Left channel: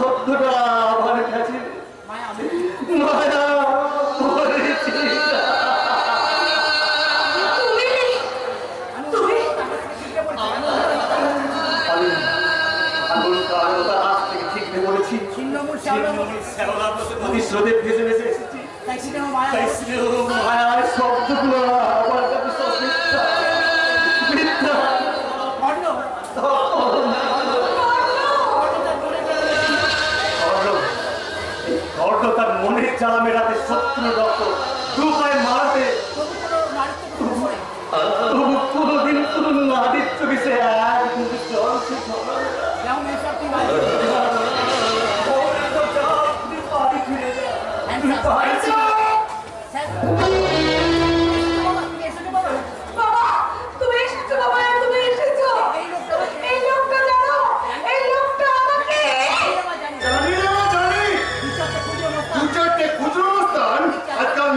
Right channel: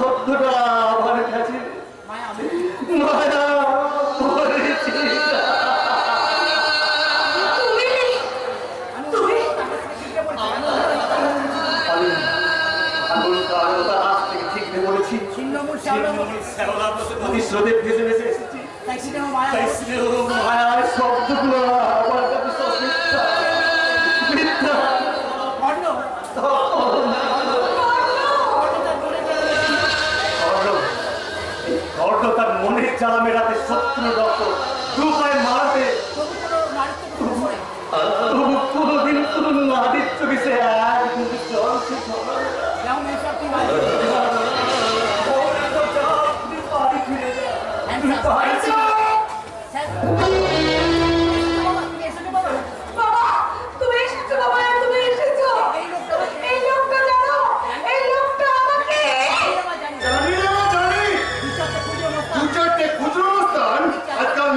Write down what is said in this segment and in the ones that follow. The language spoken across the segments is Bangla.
শব্দটা আমার কাছে মায়া মরেছি। প্রতিশ্রুতি ভেসে ভেসে এসেছি, মায়ার শব্দগুলো আমার কাছে মিথ্যা। তার মনের জ্বালা মেটাতে শত্রু রক্ত দু পায়ে মারাতে কোনদিন কোন আদিত্য বিষে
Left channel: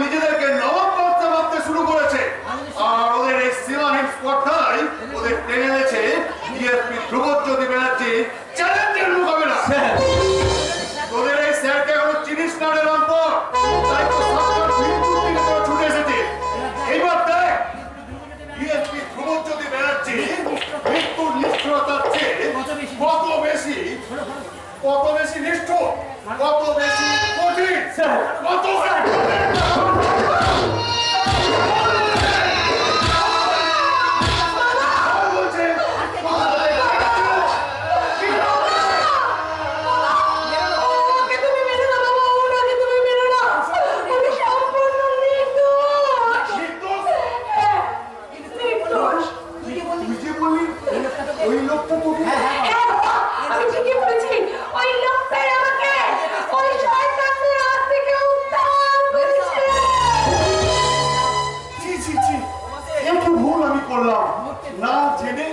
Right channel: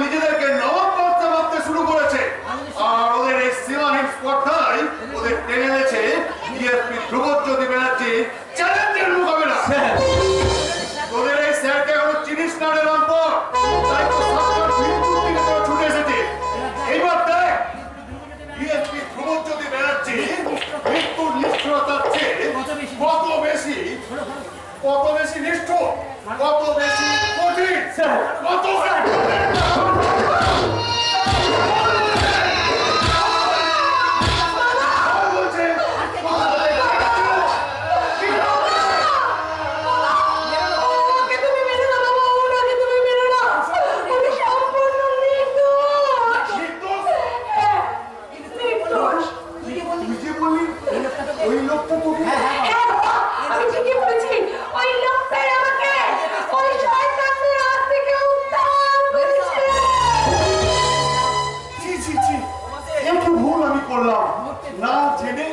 নিজেদেরকে নবাব বাচ্চা ভাবতে শুরু করেছে, আর ওদের এই সীমাহীন স্পর্ধায় ওদের টেনে এনেছে ডিএসপি ধ্রুবজ্যোতি ব্যানার্জি চ্যালেঞ্জের মোকাবেলা। ওদের এই স্যারকে এখনো চিনিস না রে রামপুর, তাই তো সরকার মৃত্যুর দিকে তোরা ছুটে এসেছে। এইবার দেখ ডিএসপি ধ্রুবজ্যোতি ব্যানার্জি মৃত্যুর নিষ্ঠুরতার চেয়ে কত বেশি নিষ্ঠুর, কত বেশি কঠিন, কত না জেনে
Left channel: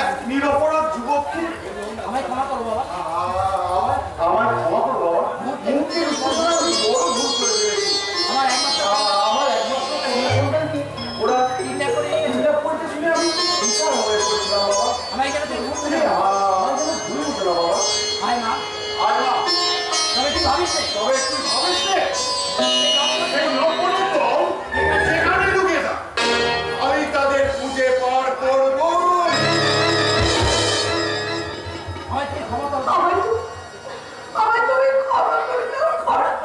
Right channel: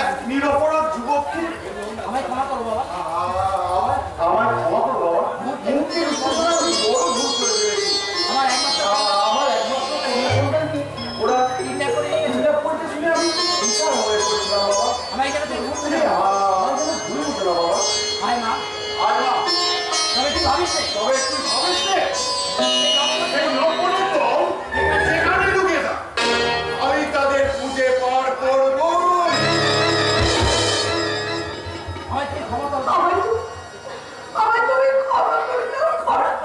এক নিরপরাধ যুবককে আমায় ক্ষমা করো বাবা, আমার ক্ষমা করো বাবা, মুক্তির বড় ভুল করে ফেলেছি। আমার একমাত্র ওরা কিডন্যাপ করতে শুনে আমি বিশাল হয়ে পড়েছিলাম বাবা। আমায় কেন তুই ভুল করে আমার যেন ভুল হতো না বাবা। আয় মা, তবে তুই ভাবিস সেই নবরত্ন সেখানে ঢুকে যা, আমি তাদের খুঁজে পার করবো। আমায় তুই ক্ষমা করো, আমায় তুমি ক্ষমা করে দাও, ক্ষমা করে দাও।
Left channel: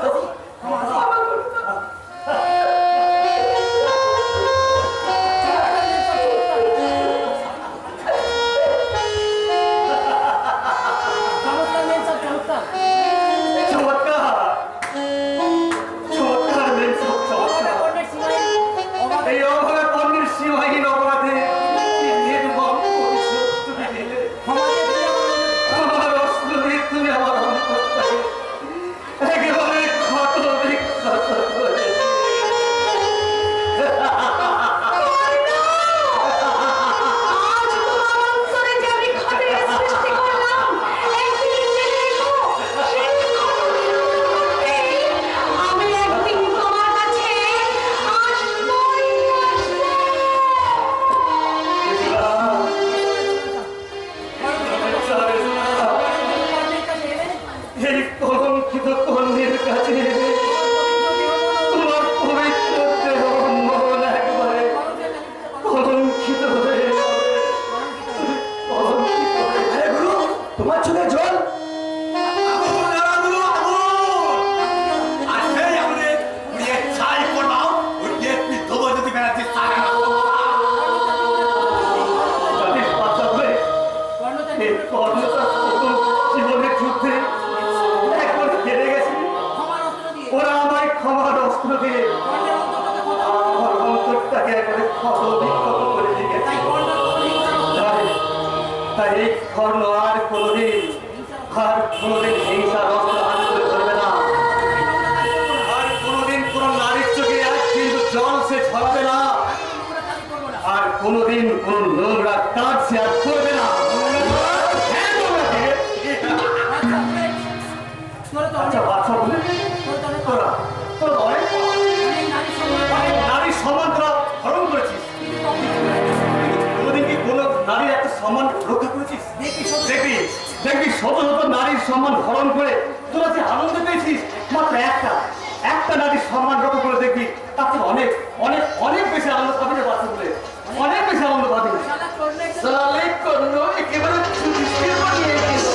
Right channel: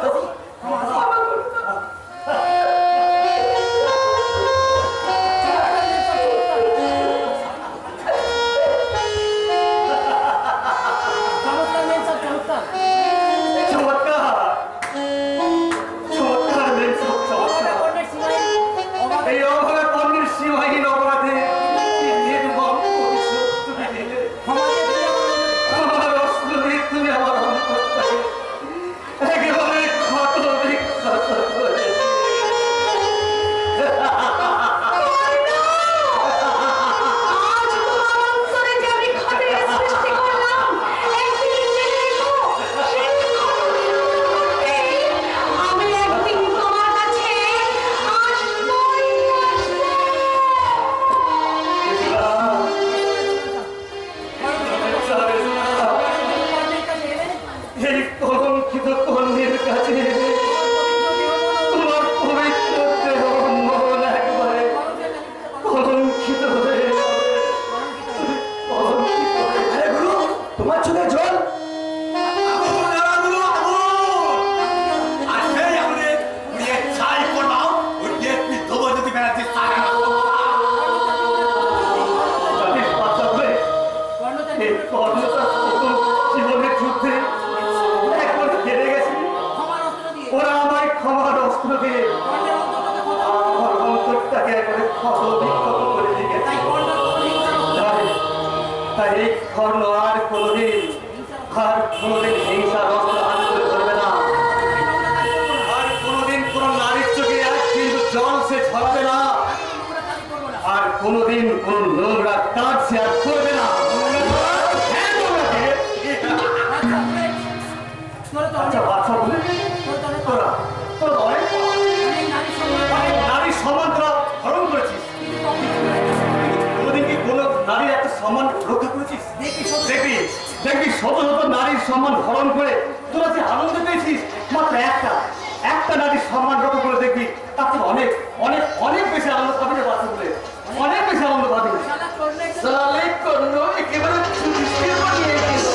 জীবনের যুদ্ধে একবার হেরে গেছে, ওরা আমায় ক্ষমার অস্ত্র দিয়ে আমার অন্তরটাকে একবারে ক্ষত বিক্ষত করে দিয়ে গেছে। তাই এই কর্ণ আর কোনোদিন হিংসার অস্ত্র হাত করে ধরবে না, আর কোনোদিন কোন নারীর চোখে এক কিন্তু জল সে ছড়াবে না, আর কোনোদিন কোন নোংরা কাজ সে আর করবে না। নারীর সম্মান তোরা হরণ করেছিস, কোনোদিন কি কোনো নারীর একটা সম্মান রক্ষা করেছিস? দেখবি দেখবি শত শত নারীর সম্মান হরণ করে তোরা যে আনন্দ পেয়েছিস, মাত্র একটা নারীর সম্মান রক্ষা করে দেখবি, তাতে অনেক অনেক অনেক বেশি আনন্দ পাবি রে বাচ্চা বলে, অনেক বেশি আনন্দ পাবি। সালে করল একেবারে চুরিয়ে বানিয়ে দিল।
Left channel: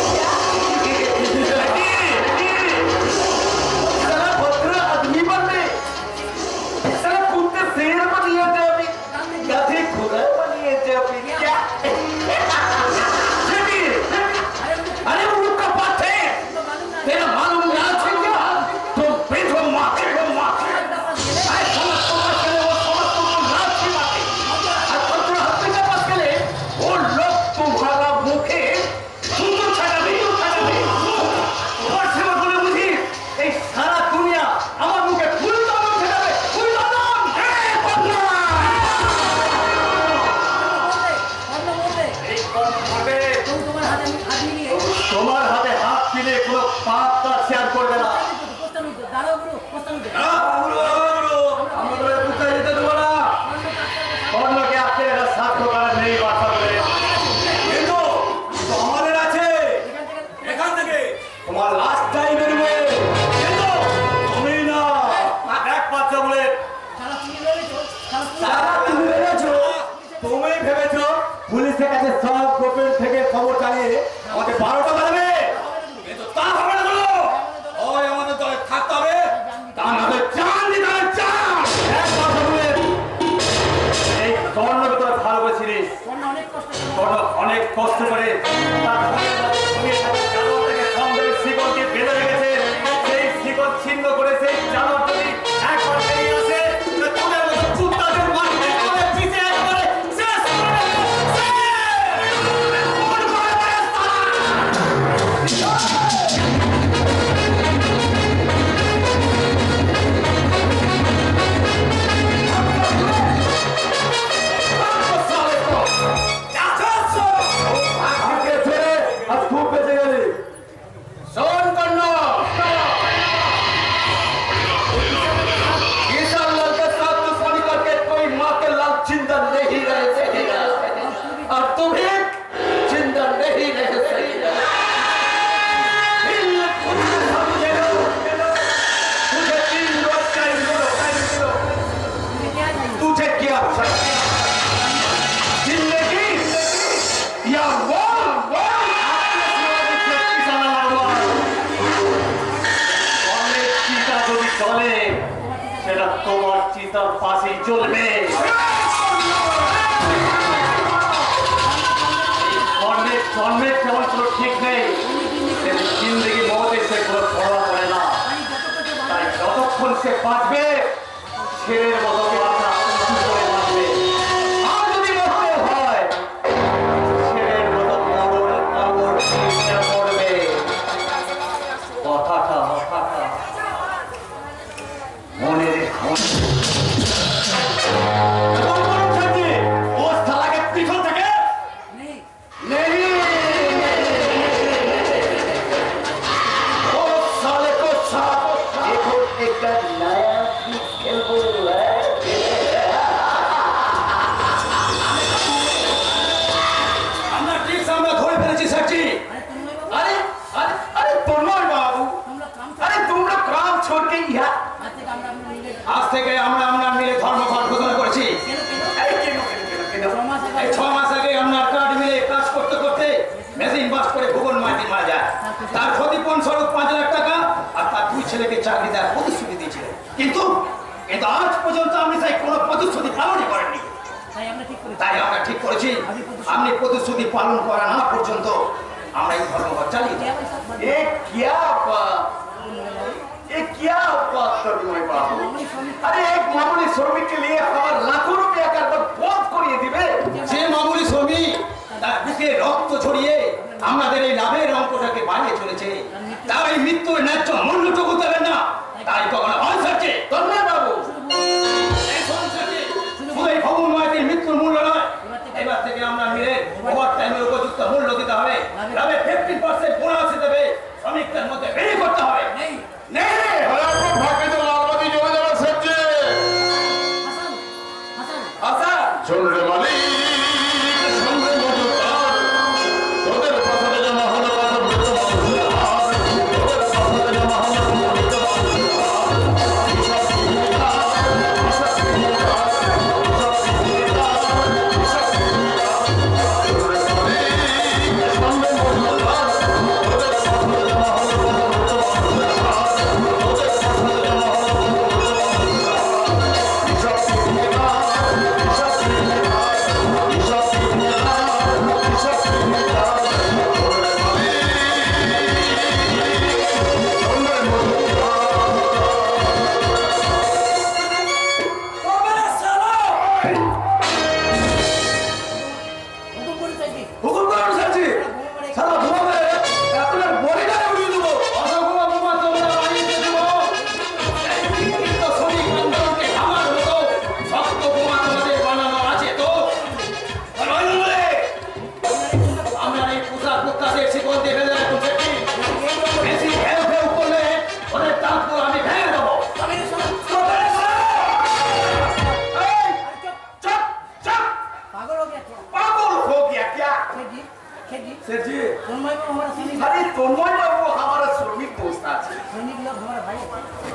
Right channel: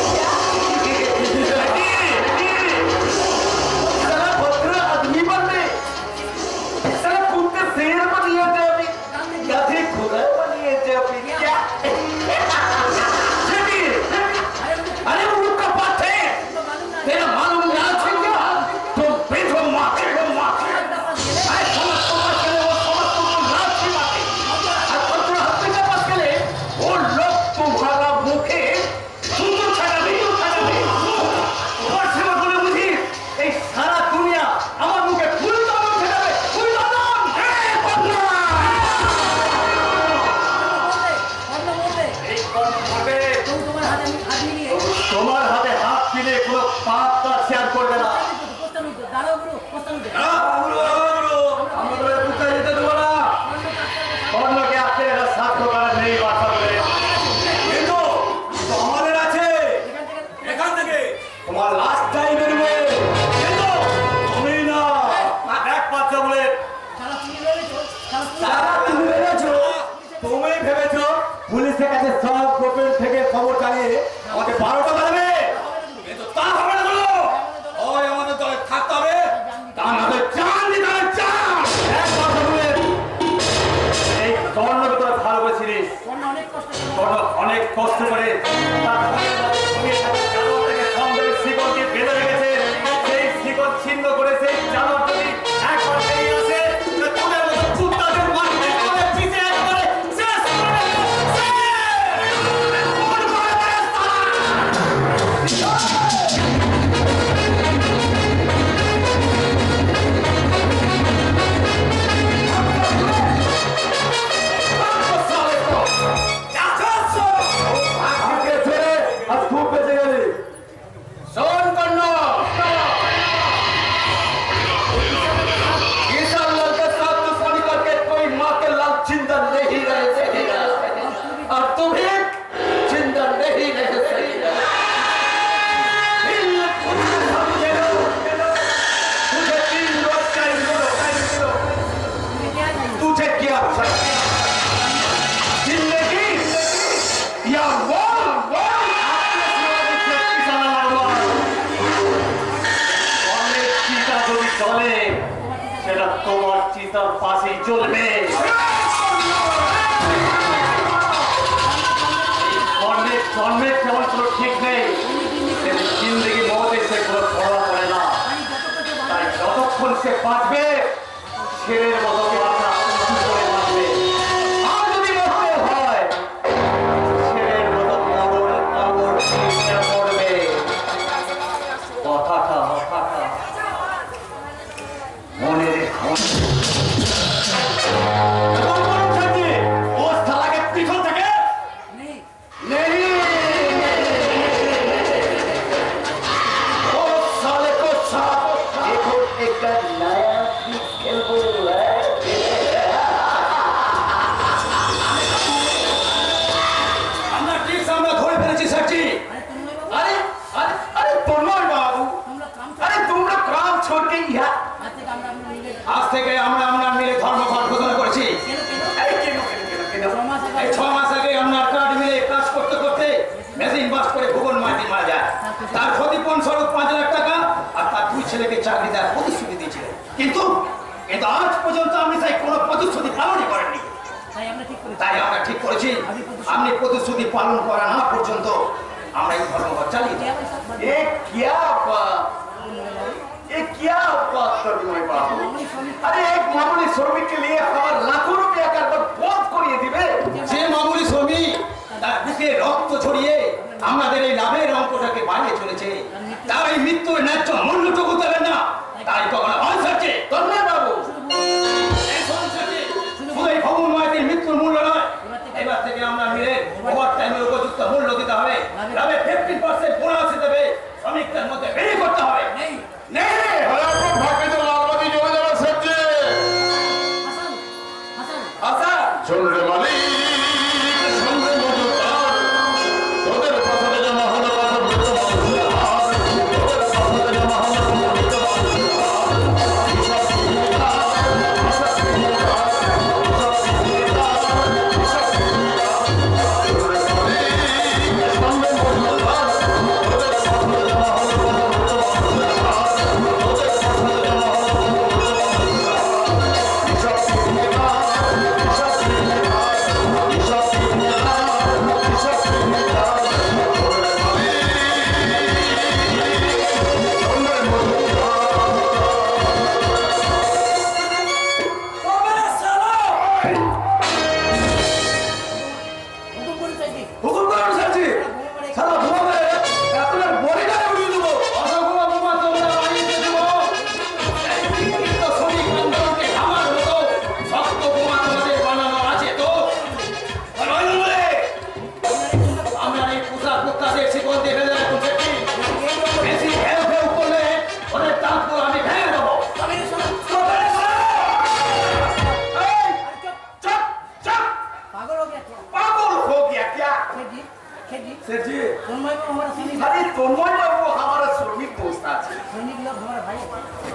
साला भद्र आदमी बनने, साला कुत्ते शेर बनिए जाबी, गधे खुदा बनिए जाबी क्या? अरे उल्लू का बात है, तेरा मालूम ना है क्या? तुम बेचो माथे अरे समझ को बस करे, वो समझ को लाभ की बात है। और पत्र हफ्ते का बस करे, वो लोग तुम्हारा मुखे तुम तो छाड़ा नहीं और सेवा बोले मुझे এই সারা দুনিয়া আমার মুখে ফুল দাম ছেড়াবে, ফুল দাম। এই কর্ম করবে তোমার হাতে হাত দিলে কোনো পাপ তার শেয়ার করবে না। আমাদের কোথায় যেতে দেবো না, অন্যকে আপনি এটা সাধ্য করার নেই বাচ্চা বলে, কিন্তু আমাদের আছে। এখান থেকে তোমার লাস্ট টাইম বেরোবে, কিন্তু তুমি না। এক বাচ্চা বলে তুমি ভেবেছো পুলিশের কাছে সব গোপন থেকে খবর জানিয়ে আমাকে 12টা বাজবে, কিন্তু তা হবে না। বলো ওই আমাদের দলে থাকতে হবে, তা নাহলে চান দিতে হবে, চান। এক কথা বলে এই কর্ণকে তোরা ভালো করেছিলিস, কর্ণ অনেক কষ্ট করে তার জানোয়ার থেকে সন্দেহের শিকড়কে বেঁধে রেখেছে। সেই শিকড় ছিন্ন করে সেই জানোয়ার যদি একবার বেরিয়ে আসে, তোদের মতো কুত্তাদের মাটিতে করে পিছে একবারে শেষ করে দেবে, শেষ! মন করে দেবে তারা! আগে ছেড়ে আজ খুব বেঁচে গেলি। শোন কর্ণ, किसान लाल के साथ दुश्मनी करके कोई माँ के लाल जिंदा नहीं रह सकेगा, और तुम भी जिंदा नहीं रह सकेगा। तुझे 3 रोज टाइम दो, तुझे क्या जिंदगी या অনেক চিতা যদি চলে, সেটা তোমার চিতার পাশেই চলবে। অনেক জন্মের তেমন কোনো ঠিক নেই, জিন্দগি মতে সে কোনো ধরা পড়ে না। তাই যতক্ষণ সে বাঁচবে, ছেলের মতো বাঁচা উঁচু করে বাঁচবে। আর যদি মরতে হয়, ছেলের মতো মরণ কামড় দিয়ে মরবে। কথাটা মনে রেখো। ও শালাকে পিছন থেকে नहीं, ओ साले को साफ देखो, एक नया खेल है। আমরা ঠিক আমরা ধরে ফেলেছি স্যারজি। अरे अरे अरे तोमर बाबू, अरे তোমরা কাম छोड़ के यहाँ আজ থেকে আমরা মিলে ধর্মঘট ঘোষণা করেছি। এই 6 মাস আগে আমরা কার্ড মিলে কাজ করতে করতে মেশিন বাস করে ভুবন মাঝি মারা যায়। তার ক্ষতিপূরণ স্বরূপ 5 লাখ টাকা আর তার 2 ছেলেকে চাকরি দেওয়ার প্রতিশ্রুতি দিয়েছিলেন, কিন্তু আজ পর্যন্ত আপনি সেই কোনো প্রতিশ্রুতি পালনই করেননি। তাই আমরা ঠিক করেছি, আপনি প্রতিশ্রুতি পালন করা না পর্যন্ত আমরা এই ধর্মঘট চালিয়ে যাব। ये क्या बात कर रही हो बाबू? अरे एक मामूली श्रमिक के लिए हमारा लाखों रुपया का बहुत करिए दिबे। যে মামুলি শ্রমিক তার বুকে রক্ত ছড়িয়ে আমাদের এই লাভের অঙ্কটাকে বাড়িয়ে চলেছে, তার এই মৃত্যুর ন্যায্য মূল্যটুকু দেবেন না। তাই কখনো হয় স্যারজি, ধন্যবাদ বাবু। শুধু এই ভবন মাইতির মৃত্যুর মূল্য নয়, এবার থেকে আমরা মিলে ওভার টাইমের উপযুক্ত মূল্য দিতে হবে। লাভে 15% বোনাস দেবে, শ্রমিকদের মধ্যে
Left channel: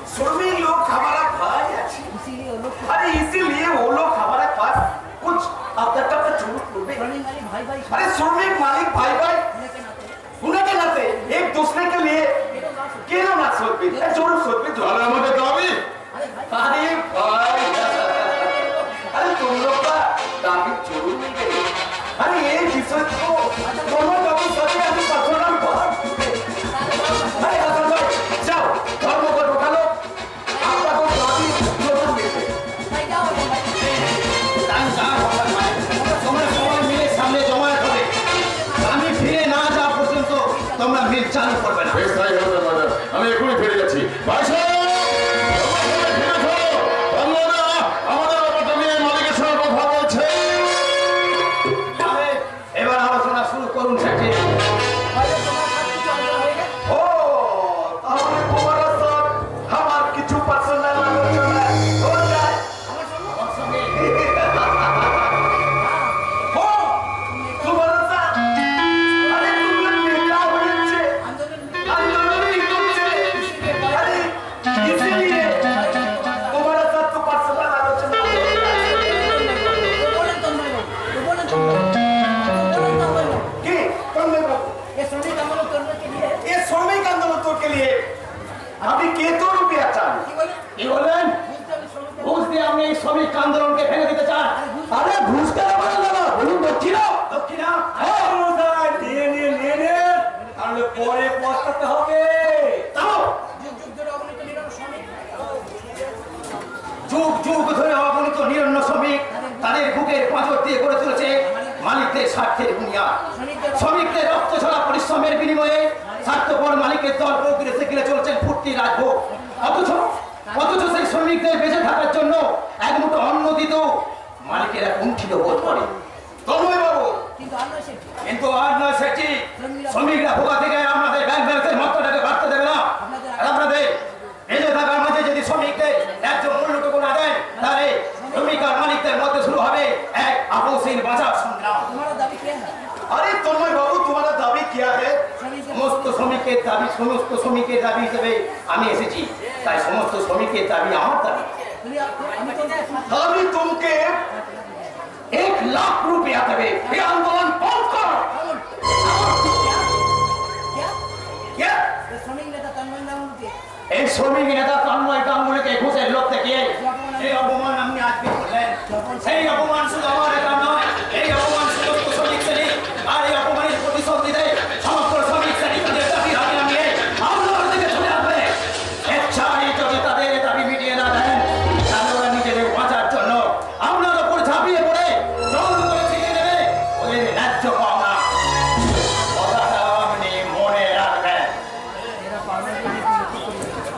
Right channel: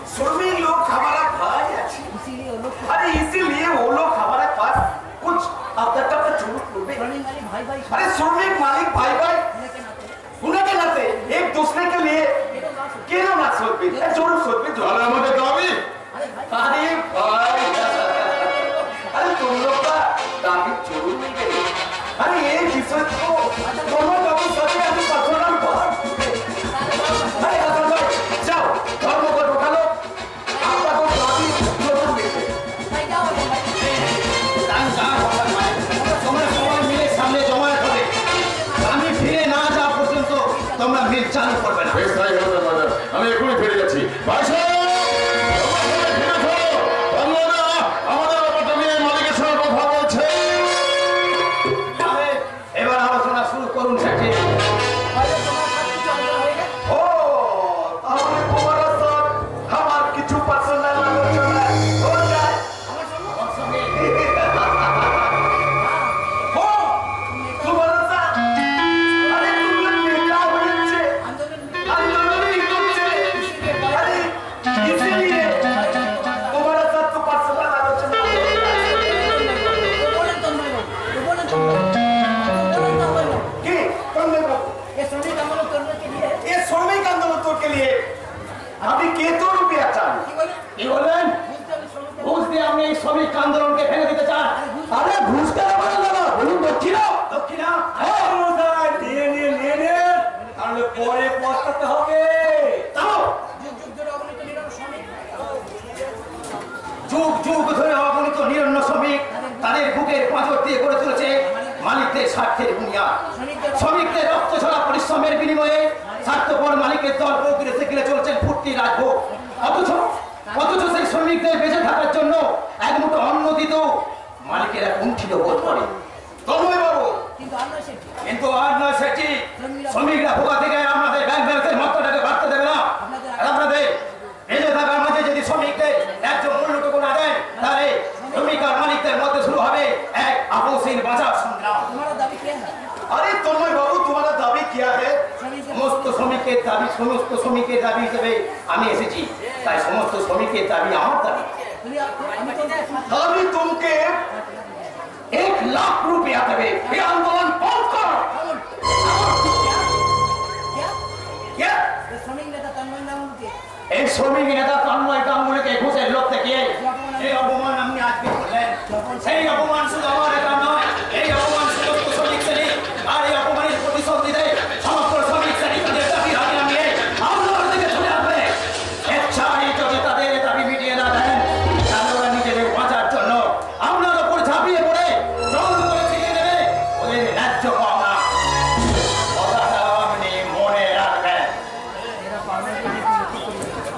श्रमिक लोग हमारा भाई আছে इसीलिए वो लोग अरे इसीलिए वो लोग हमारे पास कुछ अपना का झूठ बोलते श्रमिक वाले भाई भाई अरे श्रमिक मालिक भाई भाई होने के नाते उन्हें के नाते एक दूसरे के लिए क्यों ना सोच भी जरूर सोच भी তাহলে আমাদের দাবি अरे भाई अरे तुम लोग का दाबी जरूर नहीं गई अरे ये विषय को दोनों दाबी सच में अभी पर्सनल बात अरे हसन भाई जाओ धर्म को उठा लो आपका तो दाबी जरूर मिलते भाई क्या हो भाई তোমরা সবাই মিলে সামনে জমায়েত হবে আমি ফিরে না যাওয়া পর্যন্ত তোমরা মিল চালু করবে না বেশ তাই হবে দাদা আমি এখনই ফিরে যাচ্ছি ভাই সাহেব তোমরা সবাই ফিরে যাও তোমরা আমাদের ব্যাপারটা নিয়ে মালিকের সঙ্গে কথা বলছে তাহলে এবার আলোচনা শুরু করুন সেটি भाई तुम्हारा सब कुछ अंदर होएगा ओ তাহলে তোমার সাথ আমার কিছু পার্সোনাল আলোচনা हो जाए हो তোমার সাথ আরে तुम लोग बेटा হয়েছে आंदोलन आंदोलन করছে আরে इसीलिए তোমার সাথ তো পার্সোনাল আলোচনা तो बोले तुम भाई तो बोले तुम भाई কি তোমরা বাবু ये श्रमिक आंदोलन करने के लिए ये श्रमिक आंदोलन के लिए আপনি কত রুপিয়া চান की बोले কি বললেন बुझते हैं श्रमिक ঘুষ দিয়ে আপনি এই শ্রমিক আন্দোলনকে ভেঙে দিতে চান আরে ঘুষ কেন বলেন দাদা বলুন দক্ষিণা দক্ষিণা নিয়ে তাহলে পরে পস্তাতে হবে তাও जुग जुग जोड़ा अपने को निराम श्रमिक যুগ যুগ ধরে অগণিত নিরন্ন শ্রমিক তাদের বুকের পাঁজর দিয়ে গড়ে তুলেছে মালিকদের স্বার্থের বুনিয়াদ শ্রমিকদের রক্ত ঝরা পরিশ্রমের বিনিময়ে স্বার্থপর মালিকের দল প্রকৃতি সেখানে চলছেন ফুর্তি রাজভোগ অথচ অথচ সেই শ্রমিকদের বেঁচে থাকার জন্য এক মুঠো অন্ন দিত মালিকেরা কুণ্ঠিত বোধ করে তন্ময় বাবু কিন্তু আমরা সেটি কিন্তু আর নয় সেটি শ্রমিকরা ভোগা থেকে আমাদের ব্যাংক ব্যালেন্সের মাত্রাটাকে বাড়তে দেবে না আর আপনাদের বেঁচে থাকার মাঝে যদি শ্রমিকদের ন্যায্য মূল্যটুকু না দেন তাহলে শ্রমিক আর মালিকদের মধ্যে শুরু হবে এক আপসহীন বাজার সংগ্রাম तुम्हारा दाबी क्या है अरे तन्मय बाबू तुम्हारा दाबी क्या है श्रमिक সমস্ত শ্রমিকের দাবি হিসেবে আমি এসেছি তাই সমস্ত শ্রমিকের দাবি আমার দাবি আমি তো दाबी तुमके 1 লাখ রুপিয়া দেবে এই আন্দোলন বন্ধ করো क्या क्या? ये श्रमिक नेता तन्मय नाम के এই শ্রমিক নেতা তন্ময় গাঙ্গুলিকে ঘুষের লোক থেকে এই অপমান আপনি আজকে করলেন সেই অপমান শুধু আমার একা নয় এই অপমান সমস্ত শ্রমিক শ্রেণী আর এই অপমানের প্রতিশোধ নিতে সমগ্র শ্রমিক শ্রেণী তাদের দাবি হাতে নামিয়ে আন্দোলন থেকে চলে আসবে স্বেচ্ছায় যদি তাদের দাবি মিটিয়ে না দেন তাহলে ওরা নিজেদের বাঁচার জন্য আপনার ওপর ঝাঁপিয়ে পড়ে জোর করে ছিনিয়ে নেবে ওদের ন্যায্য পাওনা কথাটা আপনি মনে রাখবেন मेरा पावन करने की नीति को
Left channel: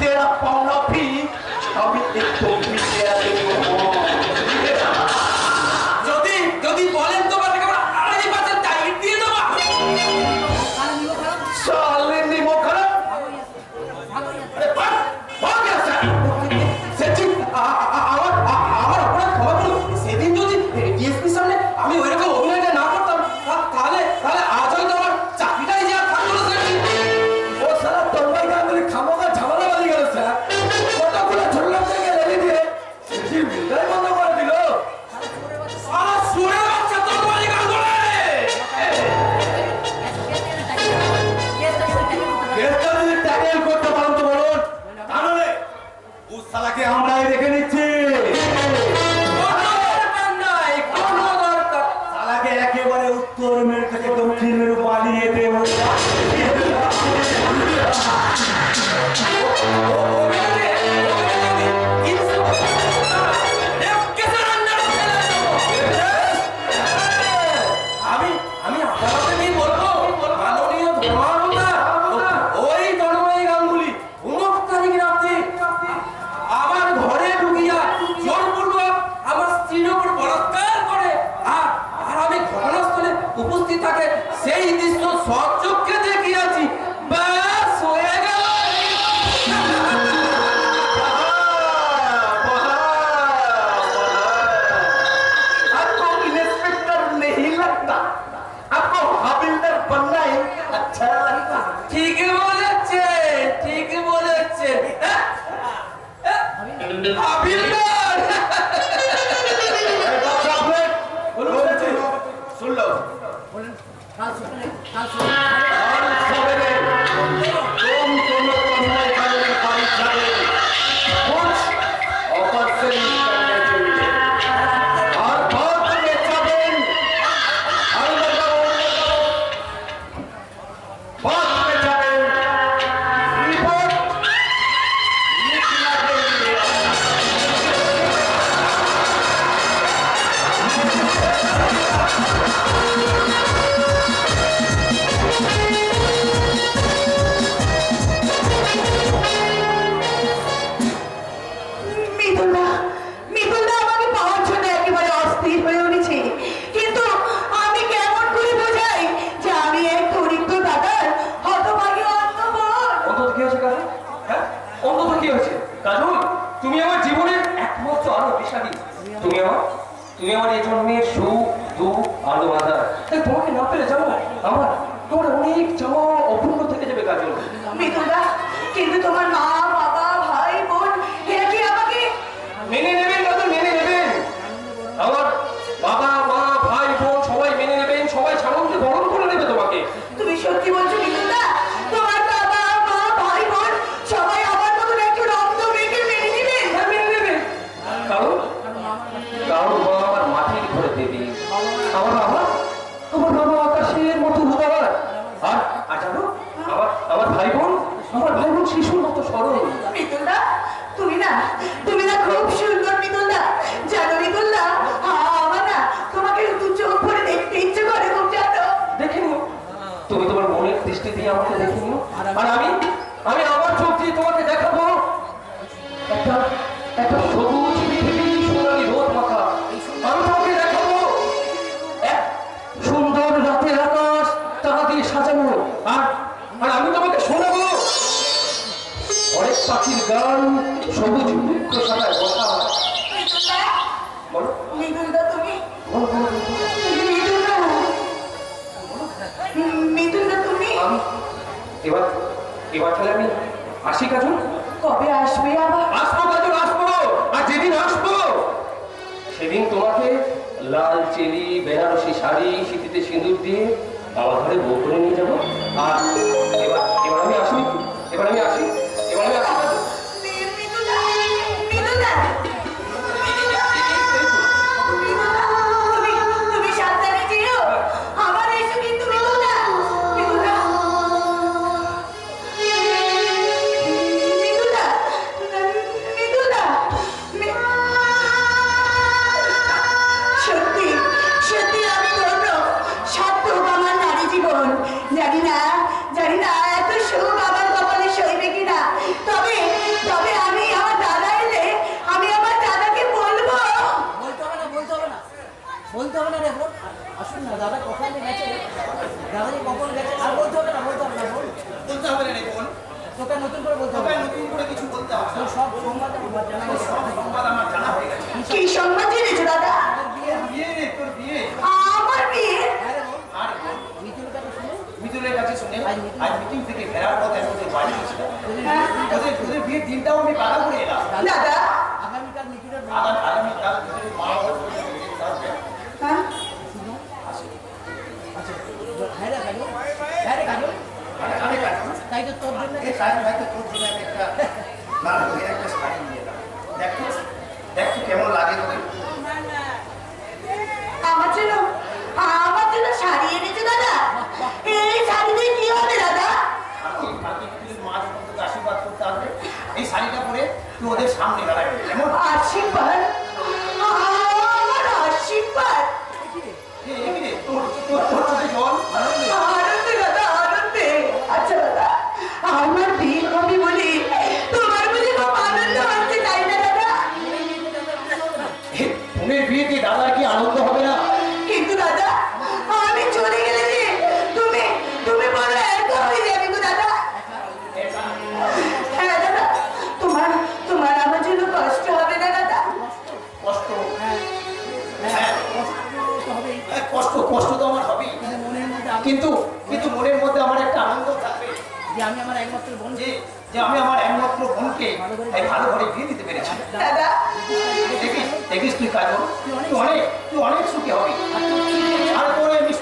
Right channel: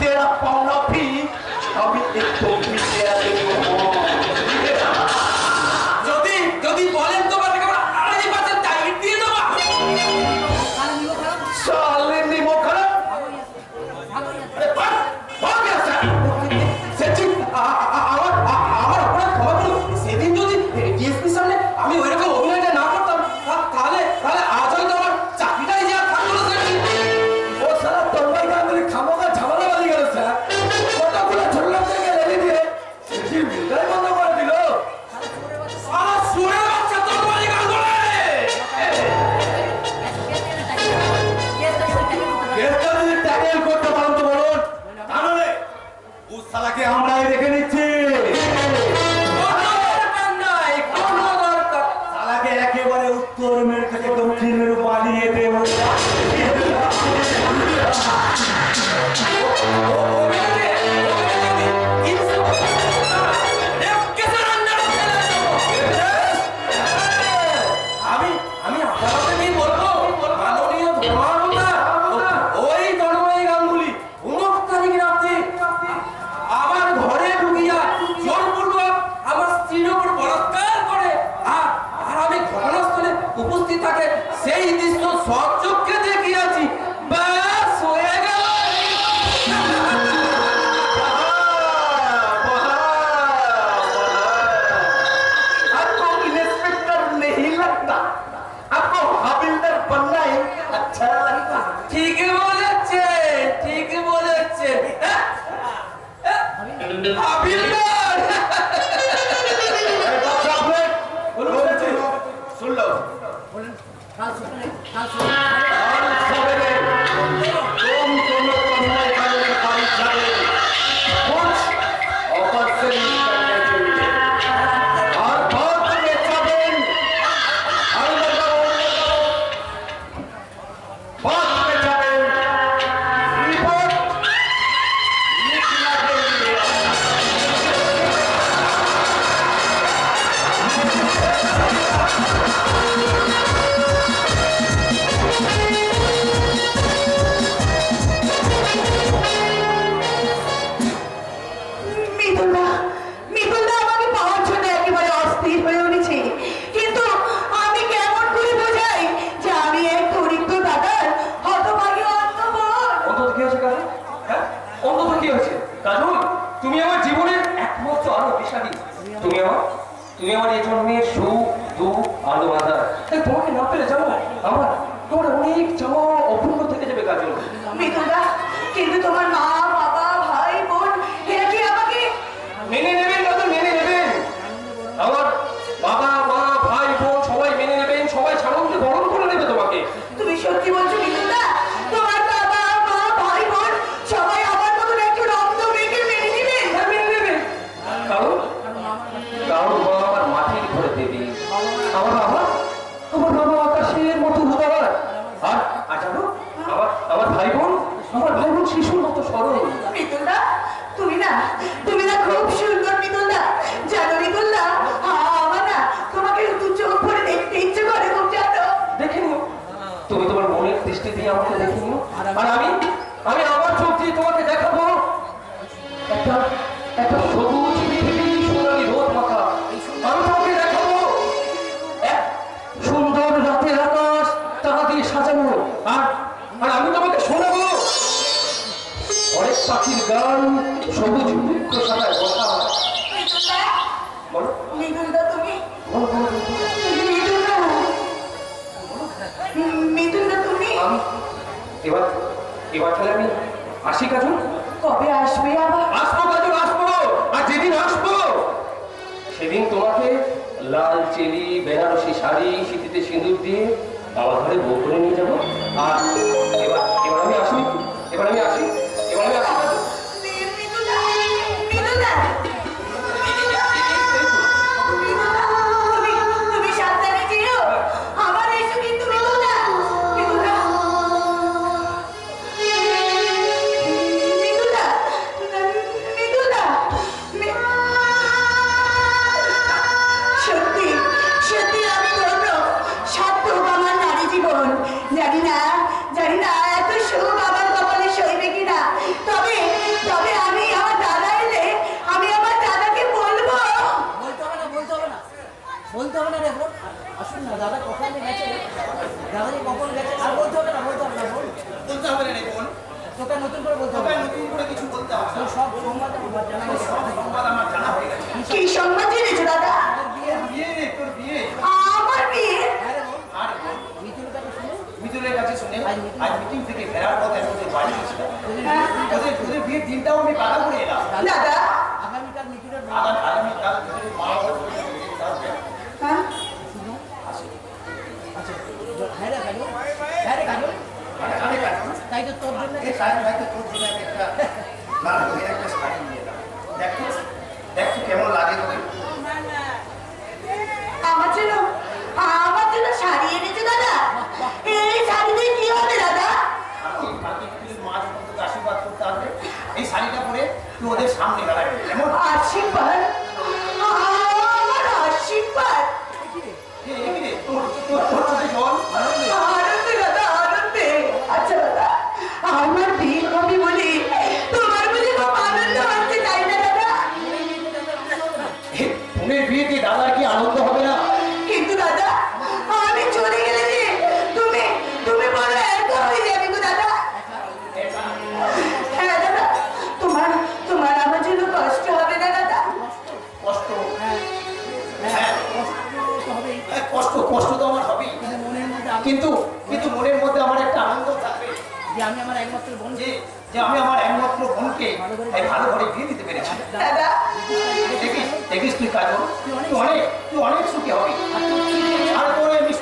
तेरा पावना भी अभी एक तो भी तेरा যদি যদি বলেন তো বাবা আমরা 2.5% টাইট দিয়ে দেব काला निगो खराब साले निमो खराब भागो यहाँ अरे भाग भाग यहाँ से সেটি আমার অপরাধ ক্ষমা করুন সেদিন যদি ডিএসপি সামনে আমি ওইরকম অভিনয়টা না করতাম তাহলে আজ হয়তো আমার চাকরিটাই যে আর থাকতো না সেটি वो साला तन्मय गांगुली खामोगा झमेला वाली गल सर কতগুলো ঝুলনা থেকে রেডি দিয়ে সেটি বিলটাই বন্ধ করে দিল সারা সুরে বাচ্চা তোর বাড়ি গান ধরে কেসটা যদি ট্যাকেল করতে পারেন তো বলুন তাহলে ও শালাকে আমরাই দেখে নিচ্ছি কোনো দরকার শালাকে একেবারে উত্তর মেরু থেকে দক্ষিণ মেরু বানিয়ে দেব আমি আদালতে নিয়ে বলবো মাননীয় ধর্মাবতার ওই তন্ময় গাঙ্গুলি 29 তারিখ রাতে আমার ঘরে ঢুকিয়া জোরপূর্বক আমার স্ত্রীর উপর বলাৎকার করে আর আমি ঘটনাস্থলে উপস্থিত থাকে সেই দৃশ্য সচক্ষে দেখিয়াছি ব্যাস হয়ে গেল आपको इंस्पेक्टर नहीं लगता आपको हविलदार बनना है বলেন কাল সকালে আর সবেরে কোন তন্ময় কালের বাড়ি যাবে কুছ অপারেশন করতে চলবে আর বাদ में যাবেন বাদ में যাবেন রিপোর্ট লিখना देंगे মিতুলদা মিতুলদা আমাকে পাওয়ার জন্য একেবারে অস্থির হয়ে উঠেছে, কিন্তু আমি কেমন করে বোঝাই যে আমি এক দরিদ্র দাদার হতভাগী অন্তঃপুর। অন্তত কি হয়েছে কাজল? হ্যাঁ, অন্তত কি হয়েছে কাজল? তুমি আমার জীবনের একমাত্র আলো বিষাদী। তুমি আমার এই জন্মের সুখ দুঃখ আলো আধার। তাই তোমাকে না পেলে যাবো তোমার অনেক চাওয়া অপূর্ণ থেকে যাবে কাজল। মিতুলদা, কিন্তু তোমার মা বাবা ভাই বোন এরা কি আমাকে মেনে নেবেন কাজল, মেনে নেবেন। আমার বাবা মা ভাই বোন সবাই মেনে নেবেন, সবাই সানন্দে বরণ করে নেবে তোমাকে। তুমি সত্যি বলছো মিতুলদা? তোমার বাবা মা ভাই বোন সবাই আমার মতন একজন অন্ধ মেয়েকে মেনে নেবেন? হ্যাঁ, মেনে নেবেন। কারণ মা আমার মাটির ঘরে দেবী, আমার বাবা আকাশের মতো উদার, আর জানো আমার ভাই বোন শিশুর মতো সরল। মিতুলদা, তুমি না খুব সুন্দর মিতুলদা। জানো মিতুলদা, আমার না তোমাকে দু চোখ ভরে দেখতে ইচ্ছে করে খুব, জানো? দেখে নিও, তুমি তোমার মনের দৃষ্টি দিয়ে আমাকে দেখে নিও, আর আমি আমার চোখ দিয়ে তোমাকে দেখাবো একটা সবুজ পৃথিবী, সোনালী রোদ মাখা। আমি তোমাকে দেখাবো এক সুন্দর রাতের আকাশ তারা দিয়ে সাজানো, আর আমি তোমাকে শোনাবো অনেক পাখির গান, সবুজ বৃক্ষ সাদায় বসা। মিতুলদা, বলো মিতুলদা তুমি, বলো, বলো, বলো। মিতুলদা, মিতুলদা তুমি এবার তাহলে আমি আসি কাজল। কবে আসবে আবার? আসবো কাজল, আসবো। আর যেদিন আসবো সেদিন তোমাকে লাল চেলি বেনারসি শাড়ি সিঁথিতে সিঁদুর দিয়ে আমার ঘরে বউ করে নিয়ে যাবো। আর এবার আমি আসি কাজল। মিতুলদা, মিতুলদা, তুমি সাবধানে যেও। আবার এসো কিন্তু মিতুলদা, মিতুলদা, মিতুলদা, মিতুলদা, সত্যি সত্যি আমি ধন্য। সার্থক আমার নারী জীবন। জানি না এত সুখ আমার কপালে সইবে কিনা। তবে আমি আমার দাদা এলে আমি আমার দাদাকে বলবো। বলতে হবে না রে বোন। আসুন না, দাদা কখন গেছে, দাদা যে কখন গেছে আর বলতে হবে না বোন। বলতে হবে না রে বোন, তোকে নতুন করে বলতে হবে তোকে না। নতুন করে কিছু বলতে হবে না। তোর সব সংবাদ আমার জানা গেছে। সংবাদ আমার জানা হয়ে গেছে। কি সংবাদ জেনেছো দাদা? বিয়ে রে, তোর বিয়ে। আমার বিয়ে? হ্যাঁ রে বোন, আর বোন, মিতুলের কাছে শুনে মিতুলের কাছে শুনে আজ মিটিং থেকে ফেরার পথে আমি ওদের বাড়ি গেছিলাম। হ্যাঁ? ওদের বিয়ের দিনটাও আমি বাধা করে এলাম। দাদা, আগামীকাল মিতুলের মা আগামীকাল মিতুলের মা বাবা আসবে। হ্যাঁ? আচ্ছা, হ্যাঁ রে কাজল, তাই তো তোর জন্য এই শাড়ি হয়তো তোর জন্য আমি একটা না তোকে একটা শাড়ি নিয়ে এলাম। দেখ তো কেমন লাগে তোকে। আমার জন্য শাড়ি এনেছো দাদা? এই শাড়ি দিয়ে কি হবে দাদা? কালকে মিতুলের মা যখন তোকে আশীর্বাদ করতে আসবে, এই শাড়িটা পরে তুই ওদের সামনে দাঁড়াবি। কেমন? আশীর্বাদ? আমার আশীর্বাদ? তোর চোখে জল। আনন্দে দাদা, আনন্দে। আচ্ছা দাদা, আমার বিয়ে হবে বলে তোমার বুঝি খুব আনন্দ হচ্ছে, তাই না দাদা? বোনের বিয়েতে দাদার কি আনন্দ হবে না? কিন্তু দাদা, আমি চলে গেলে যে তুমি বড় একা হয়ে যাবে গো দাদা। হ্যাঁ দাদা, তোমার আমার জন্য কষ্ট হবে না দাদা? কষ্ট, হ্যাঁ, কষ্ট তো আমার হবেই, মনের মধ্যে কিন্তু মনের মধ্যে আমার একটা আনন্দ থাকবে যে আমি আমার একমাত্র বোন, যে আমি আমার একমাত্র বোনকে এই ভালো ঘরে বিয়ে দিতে পেরেছি। দাদা, দেখিস তুই কাজল, তুই অনেক সুখী হবি। আর তোর এই মিষ্টি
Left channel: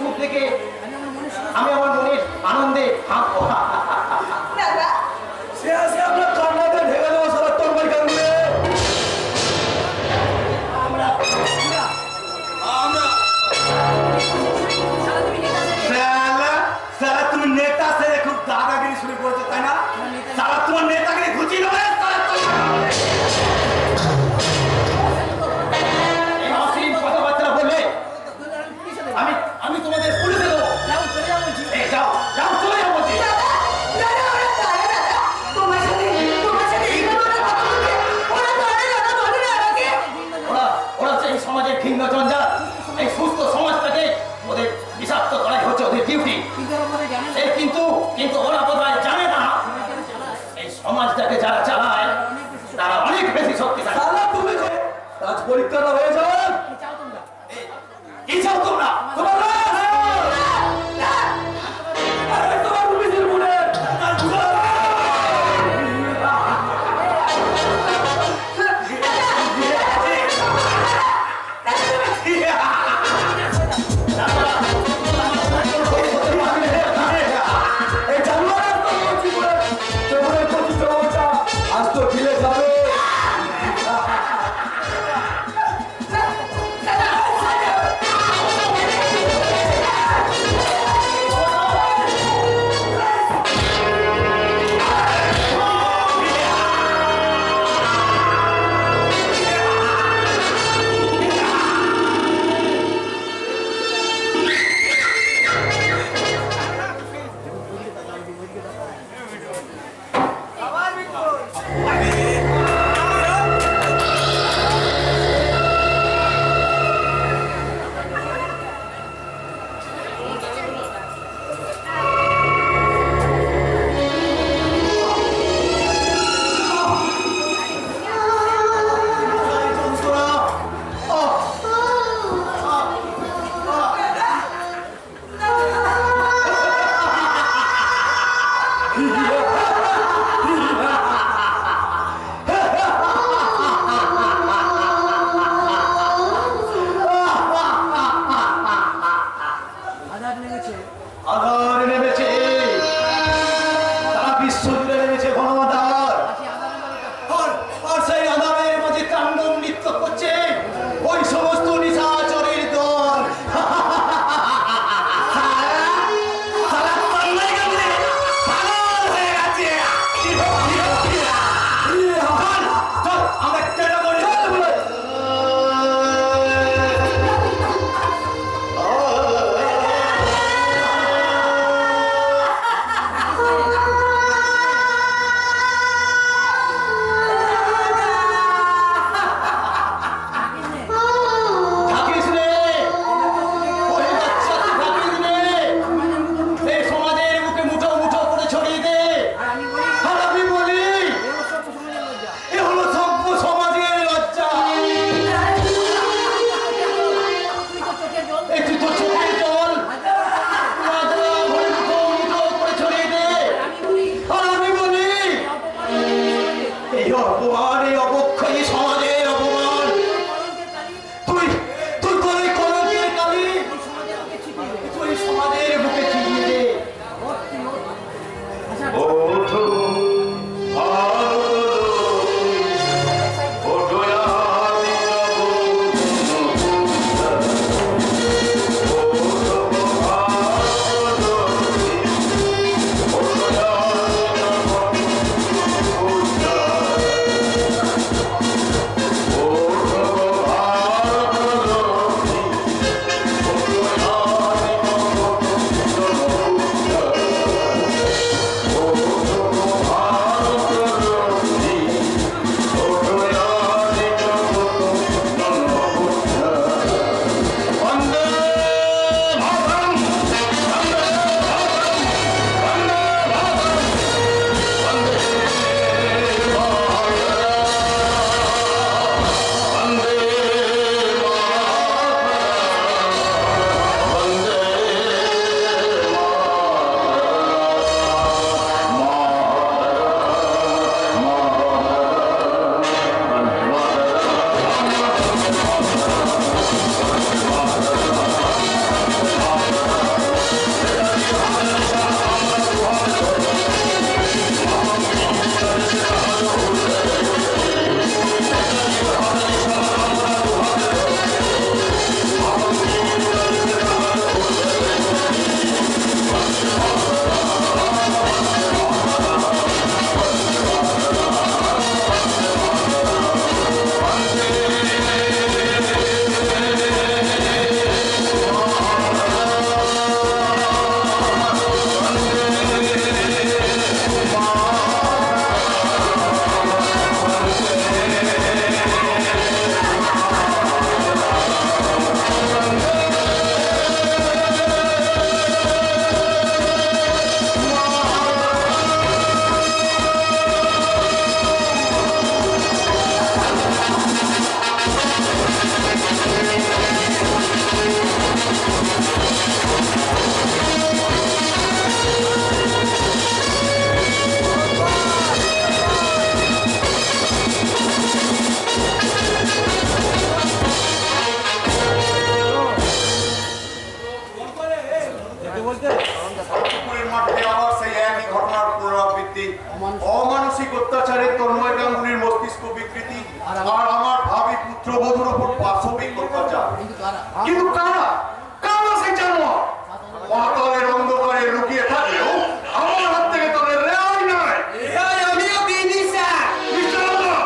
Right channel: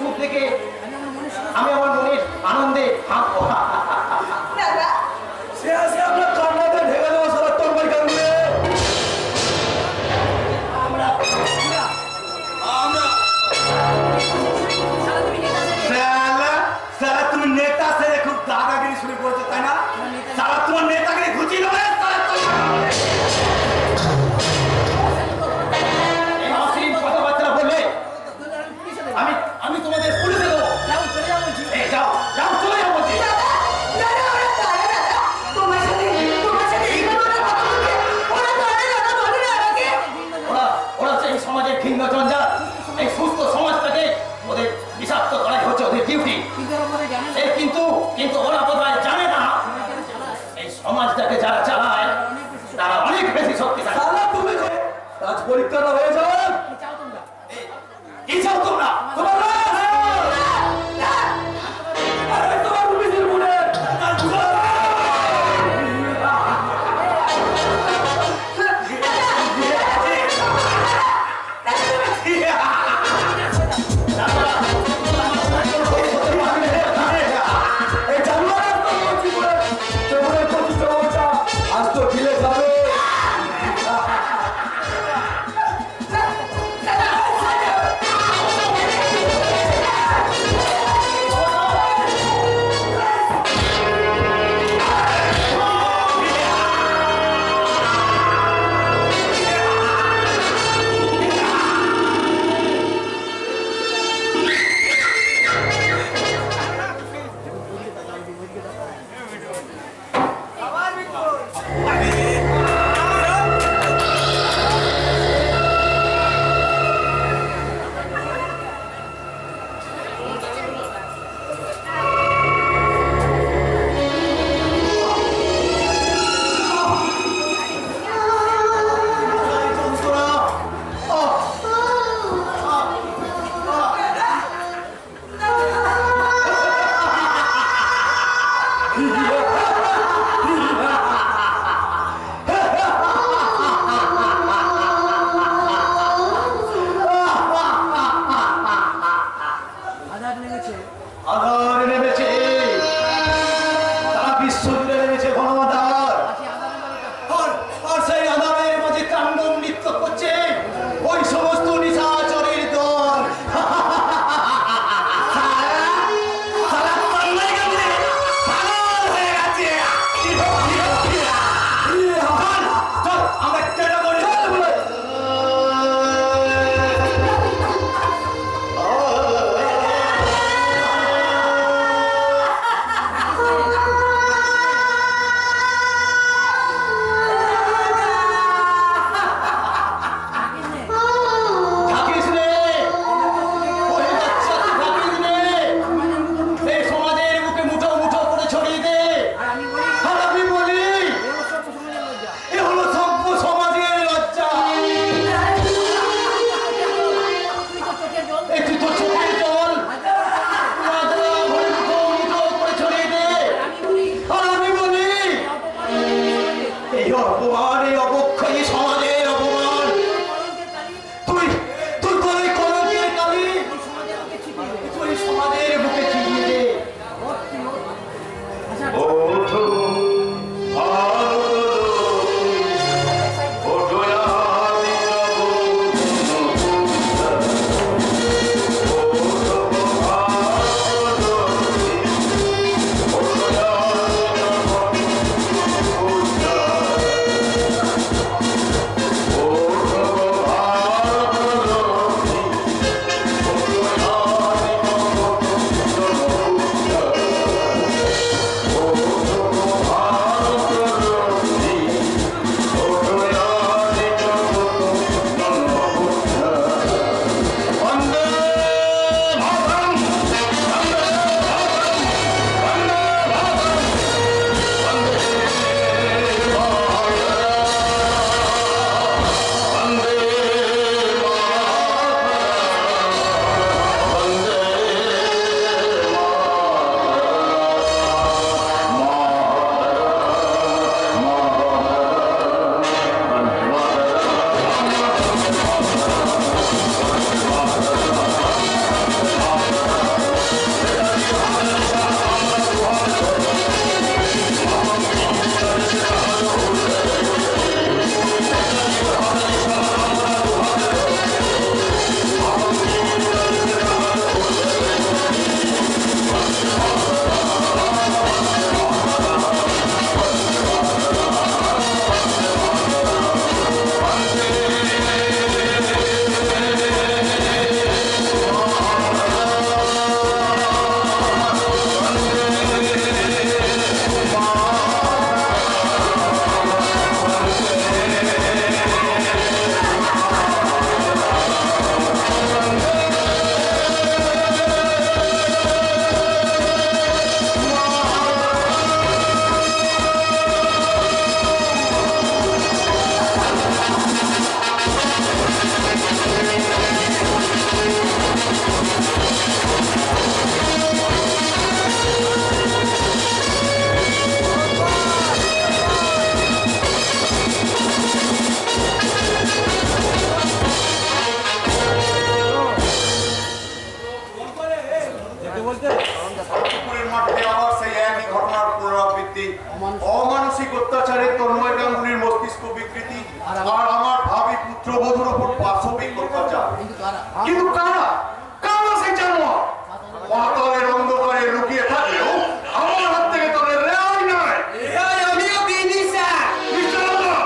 দাদাগিরি শুরু করেছো তাই না? তারা তোমার নেতাগিরি ঘুচিয়ে দেবে, তারা এই অশ্লীল কথাবার্তা বললে আমি তোমাদের পুলিশে দেবো। যাও চলে যাও বলছি। এই যাও যাও চলে যাও বলছি। দাদা, দাদা, ওরা কারা দাদা? তোমার সাথে এইভাবে ওরা কথা বলছে? ওরা কারা দাদা? বলো না আমাকে। ওরা হচ্ছে এই সমাজের ভিন্ন জঞ্জাল। এই সুস্থ সমাজটাকে ওদের বিষাক্ত করাই হচ্ছে ওদের ডিউটি। কিন্তু ওরা বলে জানে না। কিন্তু ওরা বোধহয় জানে না এই সমাজটাকে যারা চালায় তারা অনেক বেশি শক্তিশালী। সালা তুমি যে রাজ পরীক্ষাটা হয়ে যাবে। কি চাও তোমরা? কি চাও তোমরা? তোমার রাজ! আরে তোমার পুলিশের মনে এই জানুয়ারি তো কি করে তোমার প্রতি চৌটা আজ তো ঢিলে যাবে। আঘাত লেগেছে। আধার নেমেছে, তারা বিশ্ব জুড়ে নেমেছে গণমাধার। আজকে আঘাত লেগেছে। আর সেই আধারের মাঝে তাণ্ডব নৃত্য করছে ওই সমস্ত নিশাচরের দল। সারা বাংলায় গেছে, পাগল হয়ে গেছে। চল, চল, আমরা কেটে পড়ি। পুকুরের মাঠে আবার সেই একই ঘটনার পুনরাবৃত্তি, অমানসিক অত্যাচারে তন্ময় গাঙ্গুলির মস্তিষ্ক বিকৃতি, আর আমার ভাবি পুত্রবধূর উপর পাশবিক অত্যাচার। কিন্তু কারা কারা সেই জানোয়ার পাতালের অন্ধকারে লুকিয়ে থাকলেও আমার হাত থেকে তাদের রেহাই নয়। আমিও দিইনি স্যার। মিস্টার আল্লাহ,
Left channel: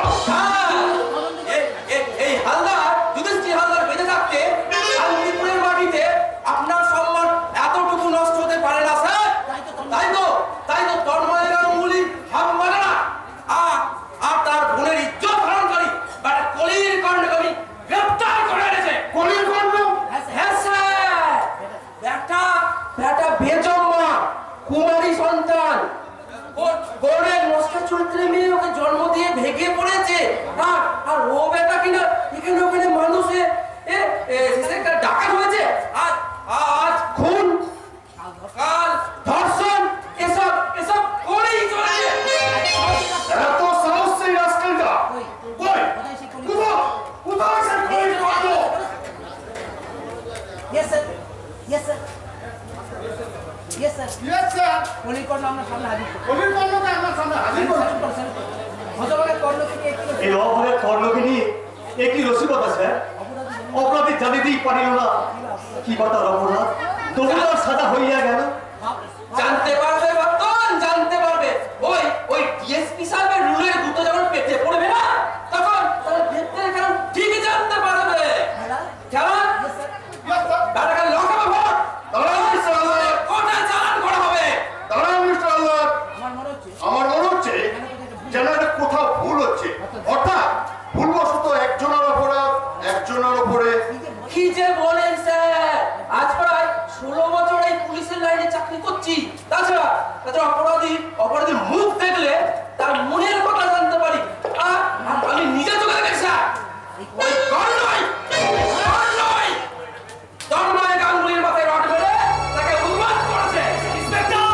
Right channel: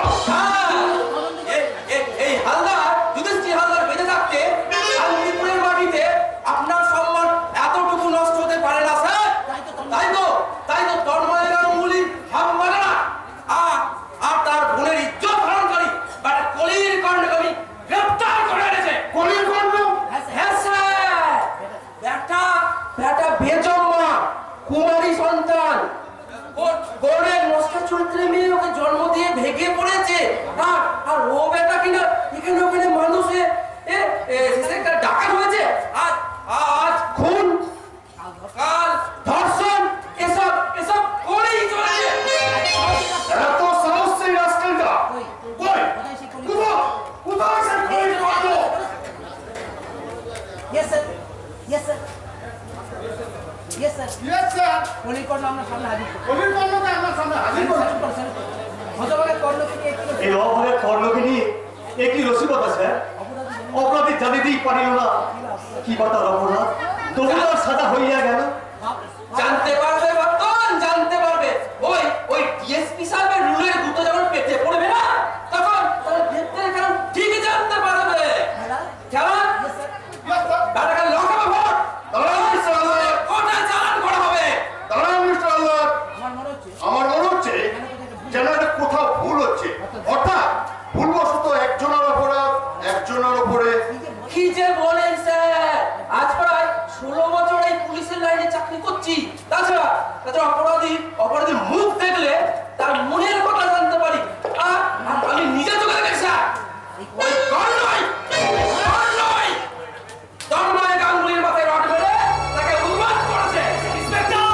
এই হালদার যুধিষ্ঠির হালদার বেঁচে থাকতে শান্তিপুরের মাটিতে আপনার সম্মান এতটুকু নষ্ট হতে পারে না স্যার। তাই তো তন্ময় গাঙ্গুলি হাম মানে না। আর তার বোনের ইজ্জত হরণকারী বাট কলির কর্ণকে গ্রেফতার করে এনেছে। কলির কণ্ঠ হ্যাঁ স্যার, বেটা বেজম্মা কুমারী সন্তান গড়ের নষ্ট চরিত্রে মেয়ে ওকে জন্ম দিয়ে ভেগে পড়েছে। আর ও বেটা কিনা এখানে ওখানে মানুষে ডাকাত হয়েছে। আজ খুন, কাল ধর্ষণ, এসব করেই চলেছে। এত সাহস সেই রাস্কেলটা কই? কোথায় সে কলির কণ্ঠ? Yes, sir. Yes, sir. Yes, sir. Yes, sir. কলির কর্ণ আমরা সামনে হাজির করব। কলির কণ্ঠকে আমরা সামনে হাজির করছি। হতভাগা কর্ণকে নিয়ে কি এই অভাবের কর্ণকে নিয়ে একই রসিকতা স্যার। অপরাধী জানিতেই পারিল না কি বা তার অপরাধ, তবু তার সাজা হইয়া গেল। জানতে পারবে বর্তমান, জানতে পারবে ওই ডিএসপি সাহেবের রুলের গুতো যখন পেটে পড়বে না, তখন তার ভেতরে কারণ ঠিকই জানতে পারবে। কেমন বেটাকে লকাবে ভোট দাঁড়ান মিস্টার আল্লাহ, কোথায় চালান করা হবে। দাঁড়ান মিস্টার আল্লাহ। আমার মনে হচ্ছে আমার মনে হচ্ছে যেন এটা কোথাও ভুল হচ্ছে, অর্থাৎ ভুলবশত একজনের অপরাধ একজনের উপরে। কি যে বলেন স্যার, আজ প্রায় 16 বছর এই পুলিশের লাইনে চাকরি করছি। তাছাড়া অপরাধীর মুখ দেখলে তার মনের কথা জানতে পারি। আর আমি নিজে চোখে দেখেছি স্যার, ওই কর্ণই তন্ময় গাঙ্গুলির মাথায় রড মেরে তাকে উন্মাদ করেছে। ইন্সপেক্টর!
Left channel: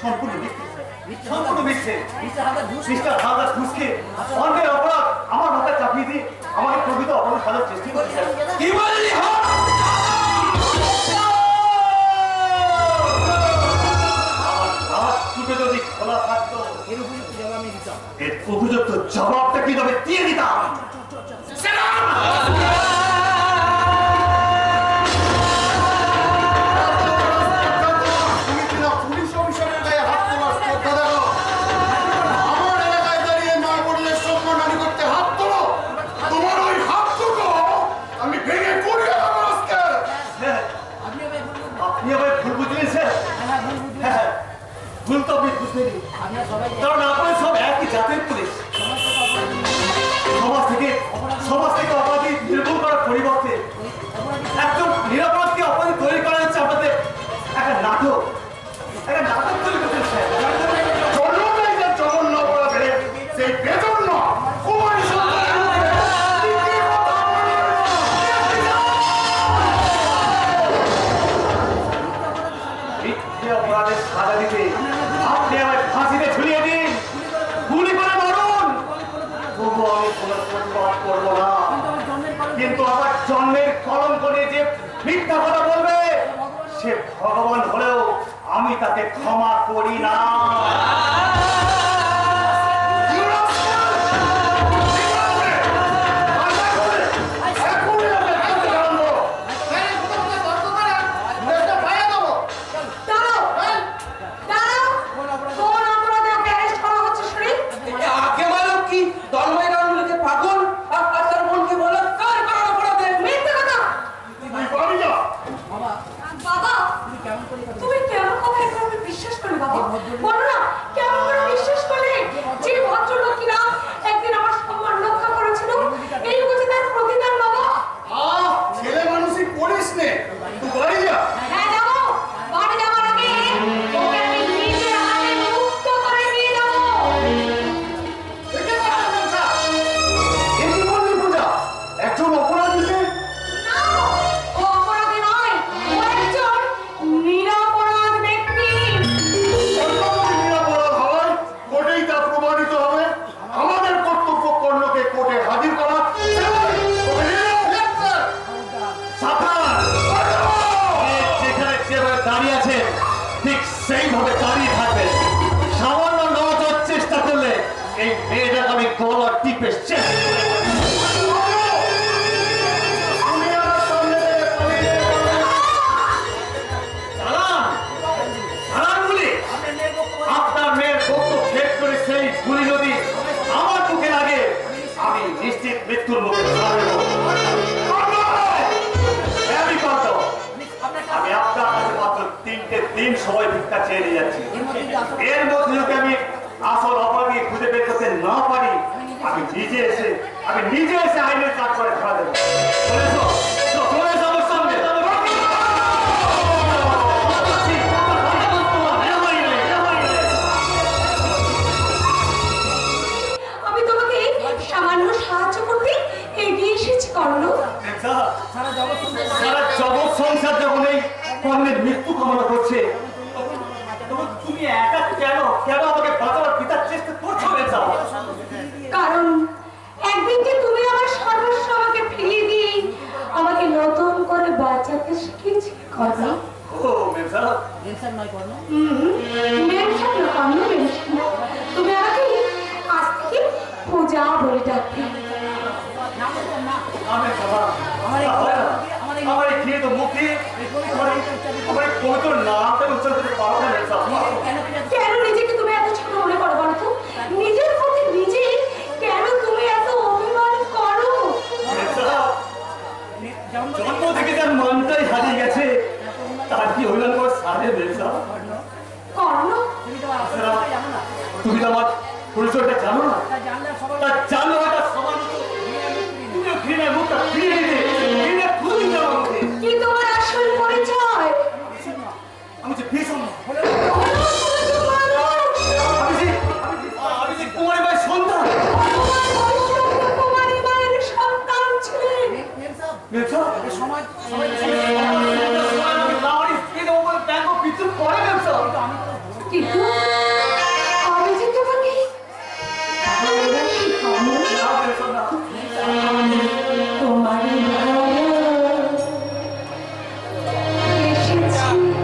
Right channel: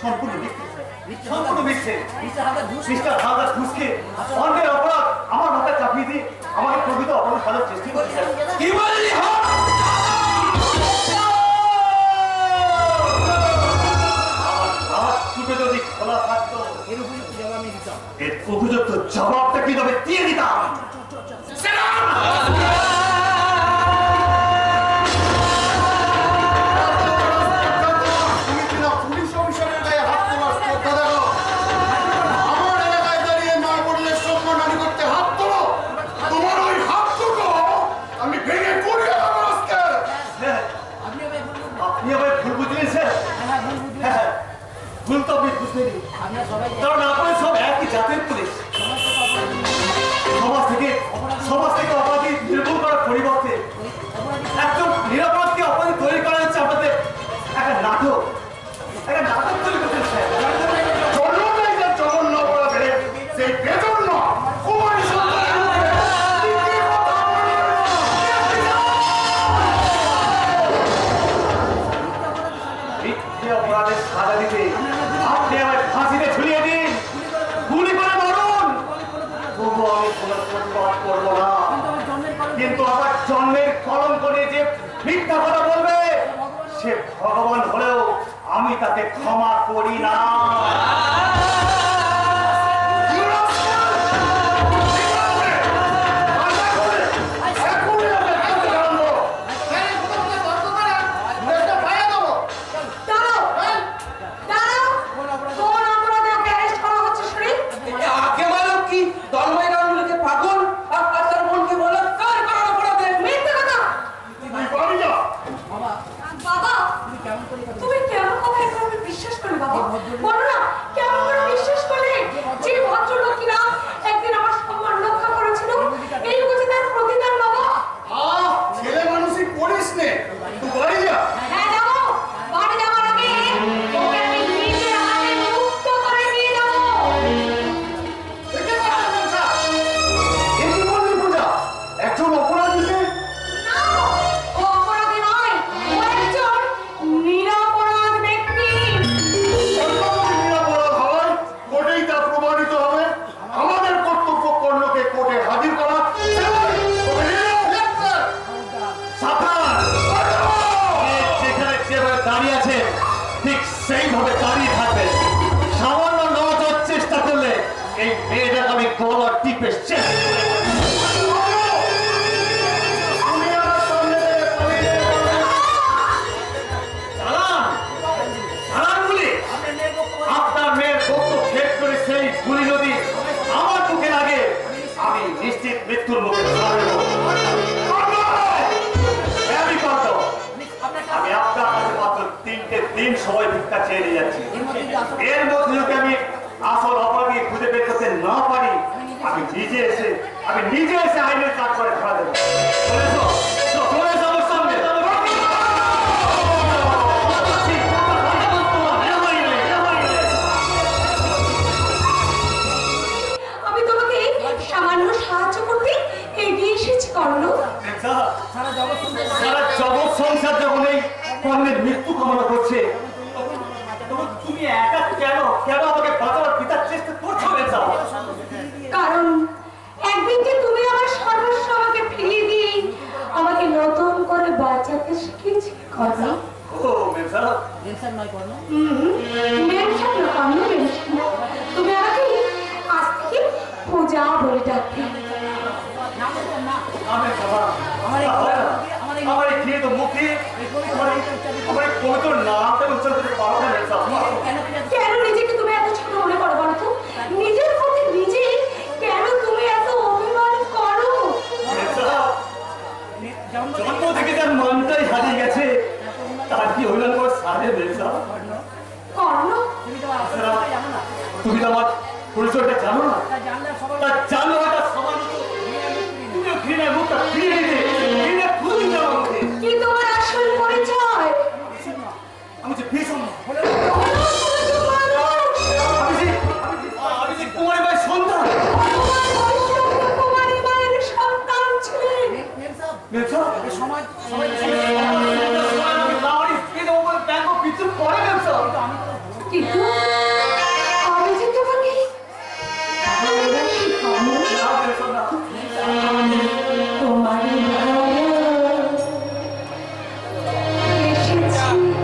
সম্পূর্ণ মিথ্যে। মিস্টার হালদার ঘুষ মিস্টার হালদার ঘুষকে অন্যের অপরাধ আমার মাথায় চাপিয়ে দিয়ে আমাকে প্রকৃত অপরাধ সাজার চেষ্টা করছে। কি বললি? আমার দুটো যদি খোলা থাকতো এর উপযুক্ত জবাব আমি দিতাম। এর উপযুক্ত জবাবটা কি তবে দিয়ে দিতাম। তুমি কিনা পুলিশ অফিসারের গায়ে হাত তোলার শ্রদ্ধা দেখো? আমার এলাকায় দাঁড়িয়ে মা বোনের সম্মানহানি করতে হাত তোলো? তোমার ওই হাতটুকু আমি ভেঙে কুড়িয়ে দেবো আজকে। হ্যাঁ, আপনি এবার বলুন। আপনি আমায় ভুল বুঝলেন স্যার। হ্যাঁ, ভুল বুঝলেন। হ্যাঁ, ভুল তো আপনি বুঝলেন, আপনারা সবাই কারণ আপনারা সব একই জাতের পুলিশ। সমাজ থেকে অপরাধী নির্মূল করার পরিবর্তে একজন নিরাপরাধকে অপরাধী তৈরি করা হচ্ছে আপনাদের একটা নাটক তৈরি করছেন স্যার। জন্মটাই যে জঘন্য অপরাধে, সেই বেজন্য কুমারী সন্তানের মুখে দ্বিতীয় কথা বলবে না। মিথ্যে অপরাধের সাজা দিতে আপনি আমায় ফাঁসিতে ঝুলিয়ে দিন, গুলি করে মারুন, তবু আমি কোনো প্রতিবাদ করবো না। কিন্তু আমার জন্মের কলঙ্ক নিয়ে যে মিথ্যা কথা বলবে সে ভগবান হলেও আমি তাকে ক্ষমা করি না। দাঁড়াও দাঁড়াও, কোন অপরাধে ওকে অ্যারেস্ট করা হচ্ছে শুনি? আগে বলো কি তন্ময় গাঙ্গুলিকে পাগল আর তার বোনকে বলাৎকার করার অপরাধে। মিথ্যে কথা। বাবা বাবা, তুমি কেমন কথা এগুলো আমি বিশ্বাস করি বাবা? বলো না কেমন এই মেয়েটাকে আমি গলা টিপে শেষ করে দেব। তুমি আমার সামনে থেকে পালিয়ে যেতে পারবে না। চালান চালান গুলি। আপনার মেয়ের বক্ত ভেদ করে সেই গুলি যদি আমার বুকে লাগে আমি নিশ্চিত মৃত্যুর মুখে ছাড়ব। আমি পারব। আমি আপনার কাছে মাত্র 3টে দিন সময় ভিক্ষা চেয়ে নিয়ে যাচ্ছি। এর মধ্যে যদি আমি আসল অপরাধী খুঁজে বের করতে না পারি আমি নিজে এসে আইনের কাজ করে ধরা দেবো। চলে এসো, চলে এসো আমার সামনে। আমি তোমাকে সামান্য সাহায্য করতে এগিয়ে এসেছি কর্ণ। সারা জগৎ সংসার সারা জগৎ সংসার যখন এই কর্ণের মৃত্যু কামনা করছে তখন তুমি একা কেন আমাকে বাঁচানোর পিতার চেষ্টা করছো বেচা? কারণ একদিন যে তুমি আমার সর্বস্ব আমাকে ফেলে দিয়ে আমাকে নতুন করে বাঁচাতে শিখেছি কর্ণ। ও মেজা, টেনশন নয় করো না। মেনশন না কর্ণ, মেনশন না। তুমি আমাকে আজ থেকে পূজা বলে ডাকবে। না বলতাম না। আমি বাবা আমার এই খেয়ে তো মুখে আমার এই পবিত্র নামটা উচ্চারণ করতে পারো না মেজা। কেন কেন নিজেকে তুমি এত ছোট মনে করো বলো তো? নিজের প্রতি নিজে কেন তুমি এত অভিমান করো? মেজা, জন্ম থেকে যার মনটাই হারিয়ে গেছে তার কি অভিমান করে সারে মেজা? কর্ণ, তুমি তো আসলে জানো না। তুমি তো আমার পরিচয়টা জানো না। তা জানলে সবাই তা জানো এটা সমান তুমিও ঘৃণায় মুখটা ফিরিয়ে দিতে ঘৃণা খুঁজে যাওয়া মুখে কি তোমার আসল পরিচয়? আমি যে ভীষণ তুমি তো মানুষ। আমি যে কুমারী ভাই সন্তান। তোমার ভবিষ্যৎ কুমারী মায়ের সন্তান ছিলেন। মেম সাহেব মেজা, এই সমাজ সবাই কিন্তু আমি যে তোমাকে ভালোবাসি কর্ণ। তোমারই ভালো এসেছি। আমি তোমারই ভালো এসেছি। চিরসাথী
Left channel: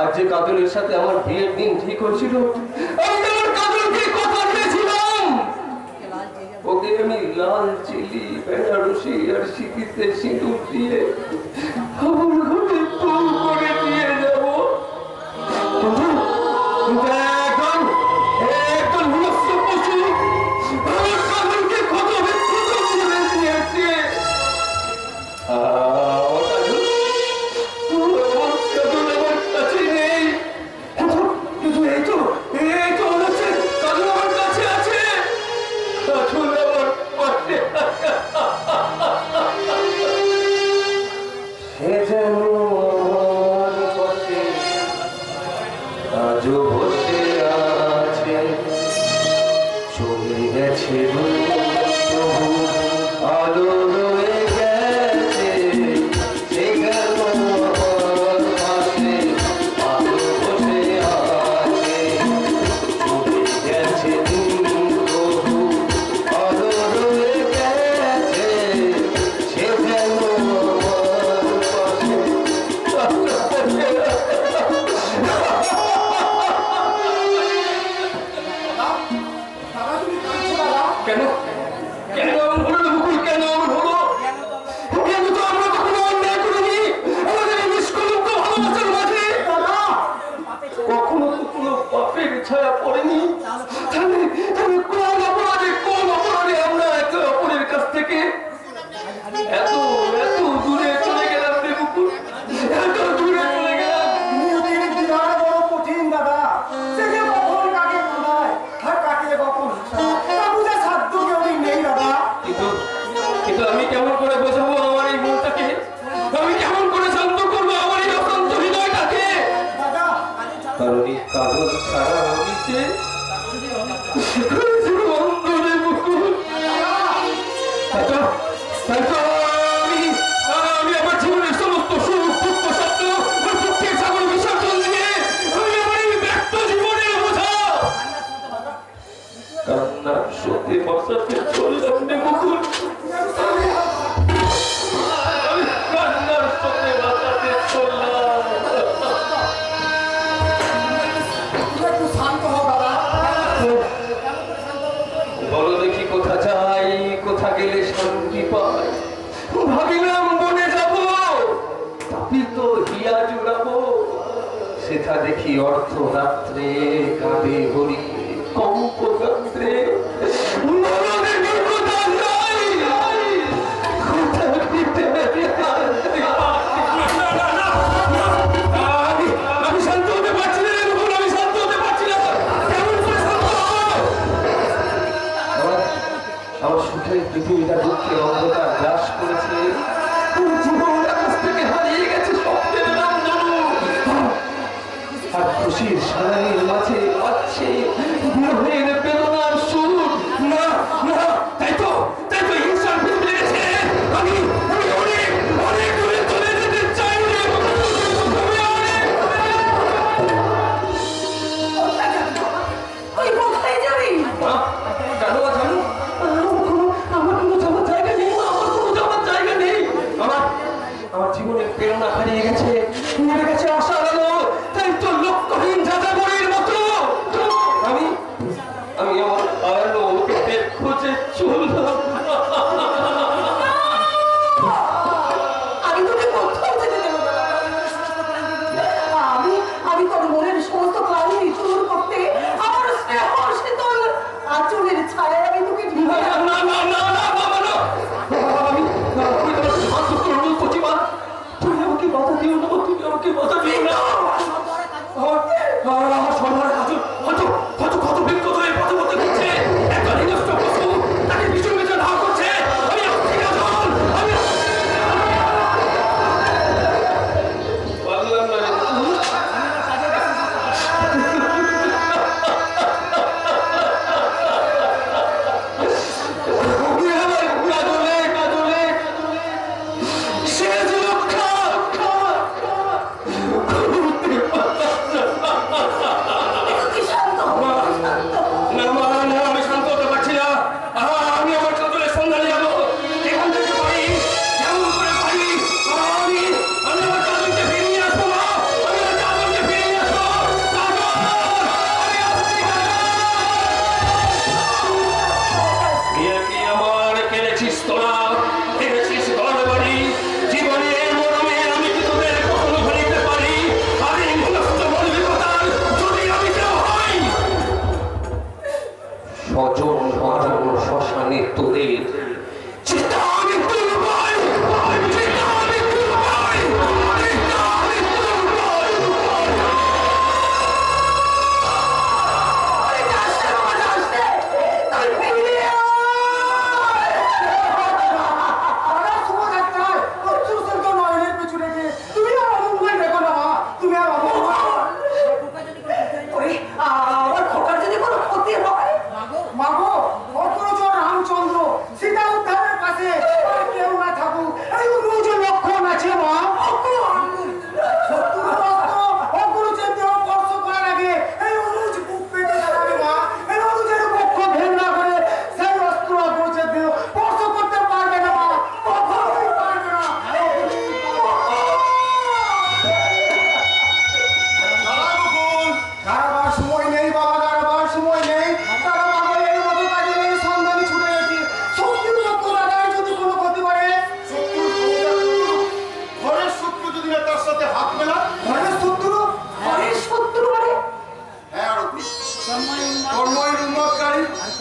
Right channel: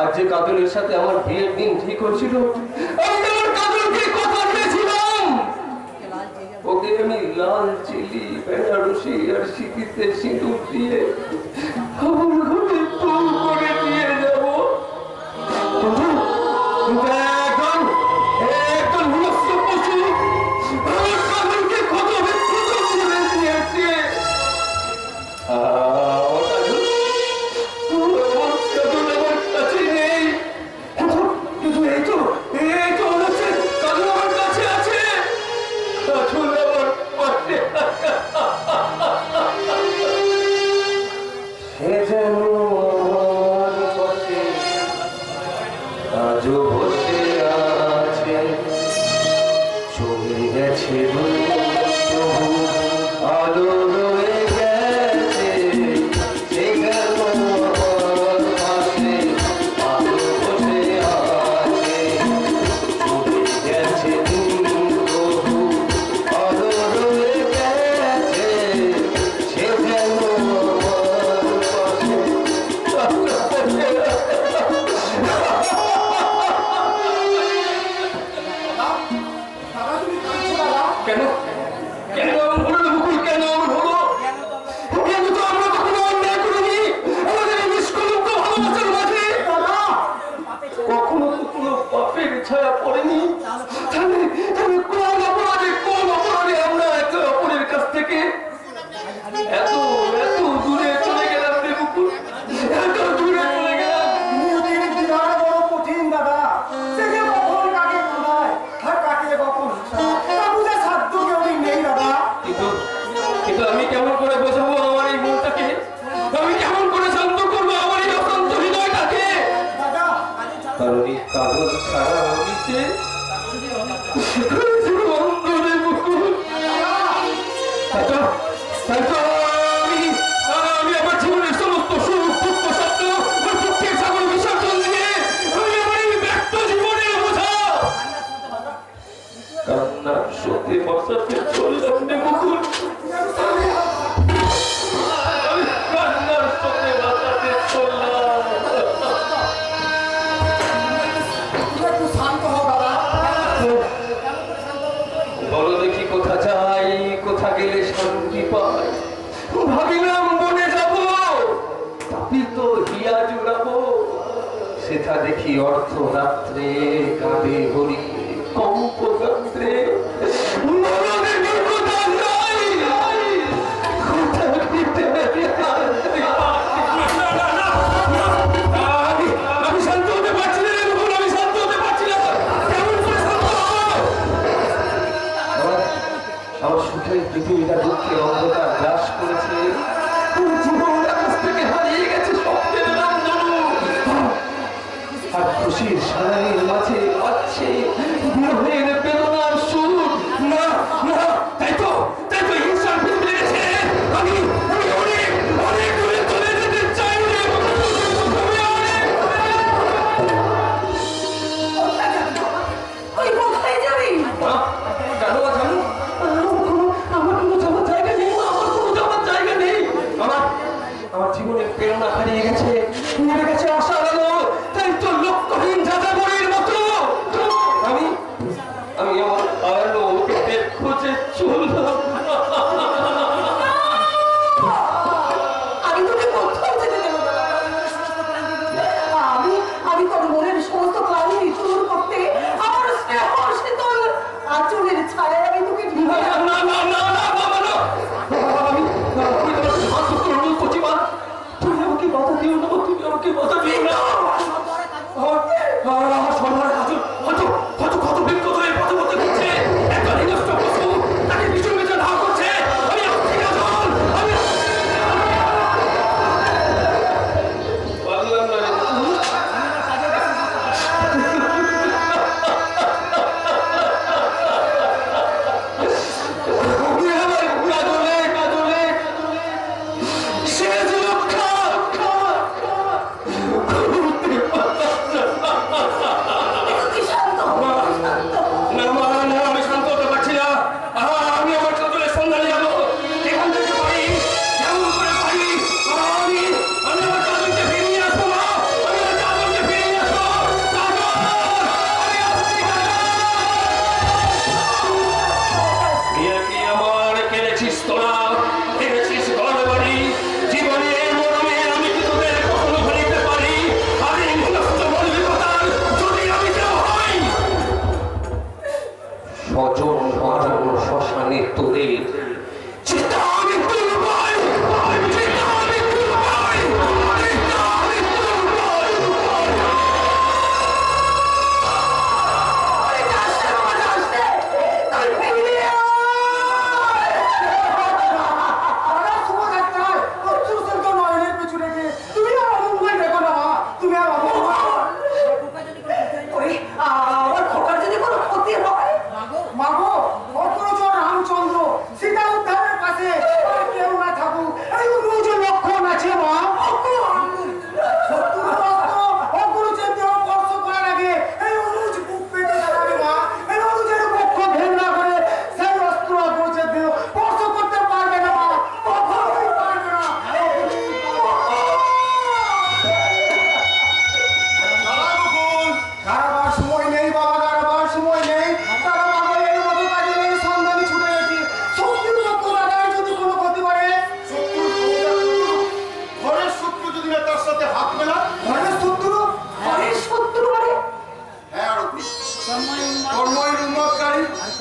আজ যে কাজলের সাথে আমার বিয়ের দিন ঠিক হয়েছিল, আমি আমার কাজলকে কথা দিয়েছিলাম ওকে আমি লাল চিলি বেনারসি আর সিঁথিতে সিঁদুর দিয়ে আমার ঘরে ফুল করে দিয়ে যাব। কিন্তু এখন একজন হিংস্র পশু আমার কাজলকে কত বিক্ষত করে দিয়েছে। আমার কাজল আমার কাছে নেই, কিন্তু এই তো মনে হচ্ছে কাজল আমার কাছে আছে। কাজল আমার পাশে সে যেন আমার পাশে আজও বসে আছে। চলে গেছে তবু আলো রয়ে গেছে, সে গেল আমার পাশে আলো বসে আছে। চলে গেছে তবু আলো রয়ে গেছে, সে যেন আমার পাশে কেন কেন এমন হলো মুকুল? কেন এমন হলো? কেন তো আমরা কখনো অন্যায় করিনি আমাদের এই নিষ্কলঙ্ক ভালোবাসার মাঝে? কখনো তো কোনো পাপের ছায়া পড়েনি। তাহলে কোন অপরাধে আমরা একে অপরের কাছ থেকে এত দূরে চলে গেলাম রে মুকুল, এত দূরে চলে গেলাম। নিয়তির বিধান বড় কঠিন দাদা, সে যে কখন কাকে কোনায় আর কাকে কখন তা বুঝে সাধ্য কেউ নেই দাদা। কিন্তু আমি কেমন করে বোঝাবো আমার এই মনটাকে? আমি কেমন করে শান্ত করবো আমার এই অশান্ত হৃদয়টাকে? দাদা কারণ এই কাজল ছাড়া আমি যে অন্ধরে মুকুল। আমি আমার জীবনের সমস্ত সুখ দুঃখ স্বপ্ন আর দুঃখের সাগর বিসর্জন দিয়ে আমি আমার এই ব্যক্ত জীবনের বোঝা কান্নার স্রোতে বসাতে চললাম রে মুকুল। আমি কান্নার স্রোতে বসাতে চললাম। একটু শান্ত হও দাদা। বলো দেখি কোথা যাই, কোথা গেলে শান্তি পাই? ভাবিলাম বনে যাব, তাপিত হিয়া জুড়াবো, সেথা দেখি অর্ধরাত্রে কাঁদে হরি কম্পরাত্রে। বলো দেখি কোথা যাই, কোথা দিতে আমি শান্ত হতে পারছি না রে মুকুল, আমি শান্ত হতে পারছি না। কেমন করে শান্ত হবো? আমার সুখের পৃথিবীটা দুঃখের অন্ধকার গ্রাস করেছে। পুরো জীবন আকাশ থেকে হারিয়ে গেছে স্বপ্নের নামধনু। আর খুশির সারানির মাঝে পাচ্ছে বিরহের বেদনার সুর। না না, তাই তো হিংসার পৃথিবী গেছে। আমি অনেক দূরে চলে যেতে চাই রে মুকুল, আমি অনেক তুই কোথায় যাবি? মা, কেন জানো? আমার কোনো যাওয়ার জায়গা নেই, আমার কোনো যাওয়ার জায়গা নেই। আমার জীবনের প্রেরণা হারিয়ে গেছে, নেমে গেছে আশার আলো। তাই তো লক্ষ্যহীন যাযাবরের মতো আমি আমার আলো খোঁজে চললাম। আমি তোকে কোথাও যেতে দেবো না। আমি তোর মনের সমস্ত ক্লান্তি দূর করতে আমার স্নেহ শীতল আঁচলের ছায়ায় আমি তোকে না না না না না বাবা না, আমি তোমাকে হাত করবো প্রতিমা। তুমি আমাকে বাধা দিও না, তুমি আমাকে বাধা দিও না। আমার সর্বহারা কাজল হয়তো কত বিক্ষত হয়ে পথে পথে ঘুরছে। একটা নিরস্ত পশু তাকে পিছু পিছু ধাওয়া করছে। আমি আসছি কাজল, আমি পারলাম না রে মুকুল। কাজলে সে যে রক্ষা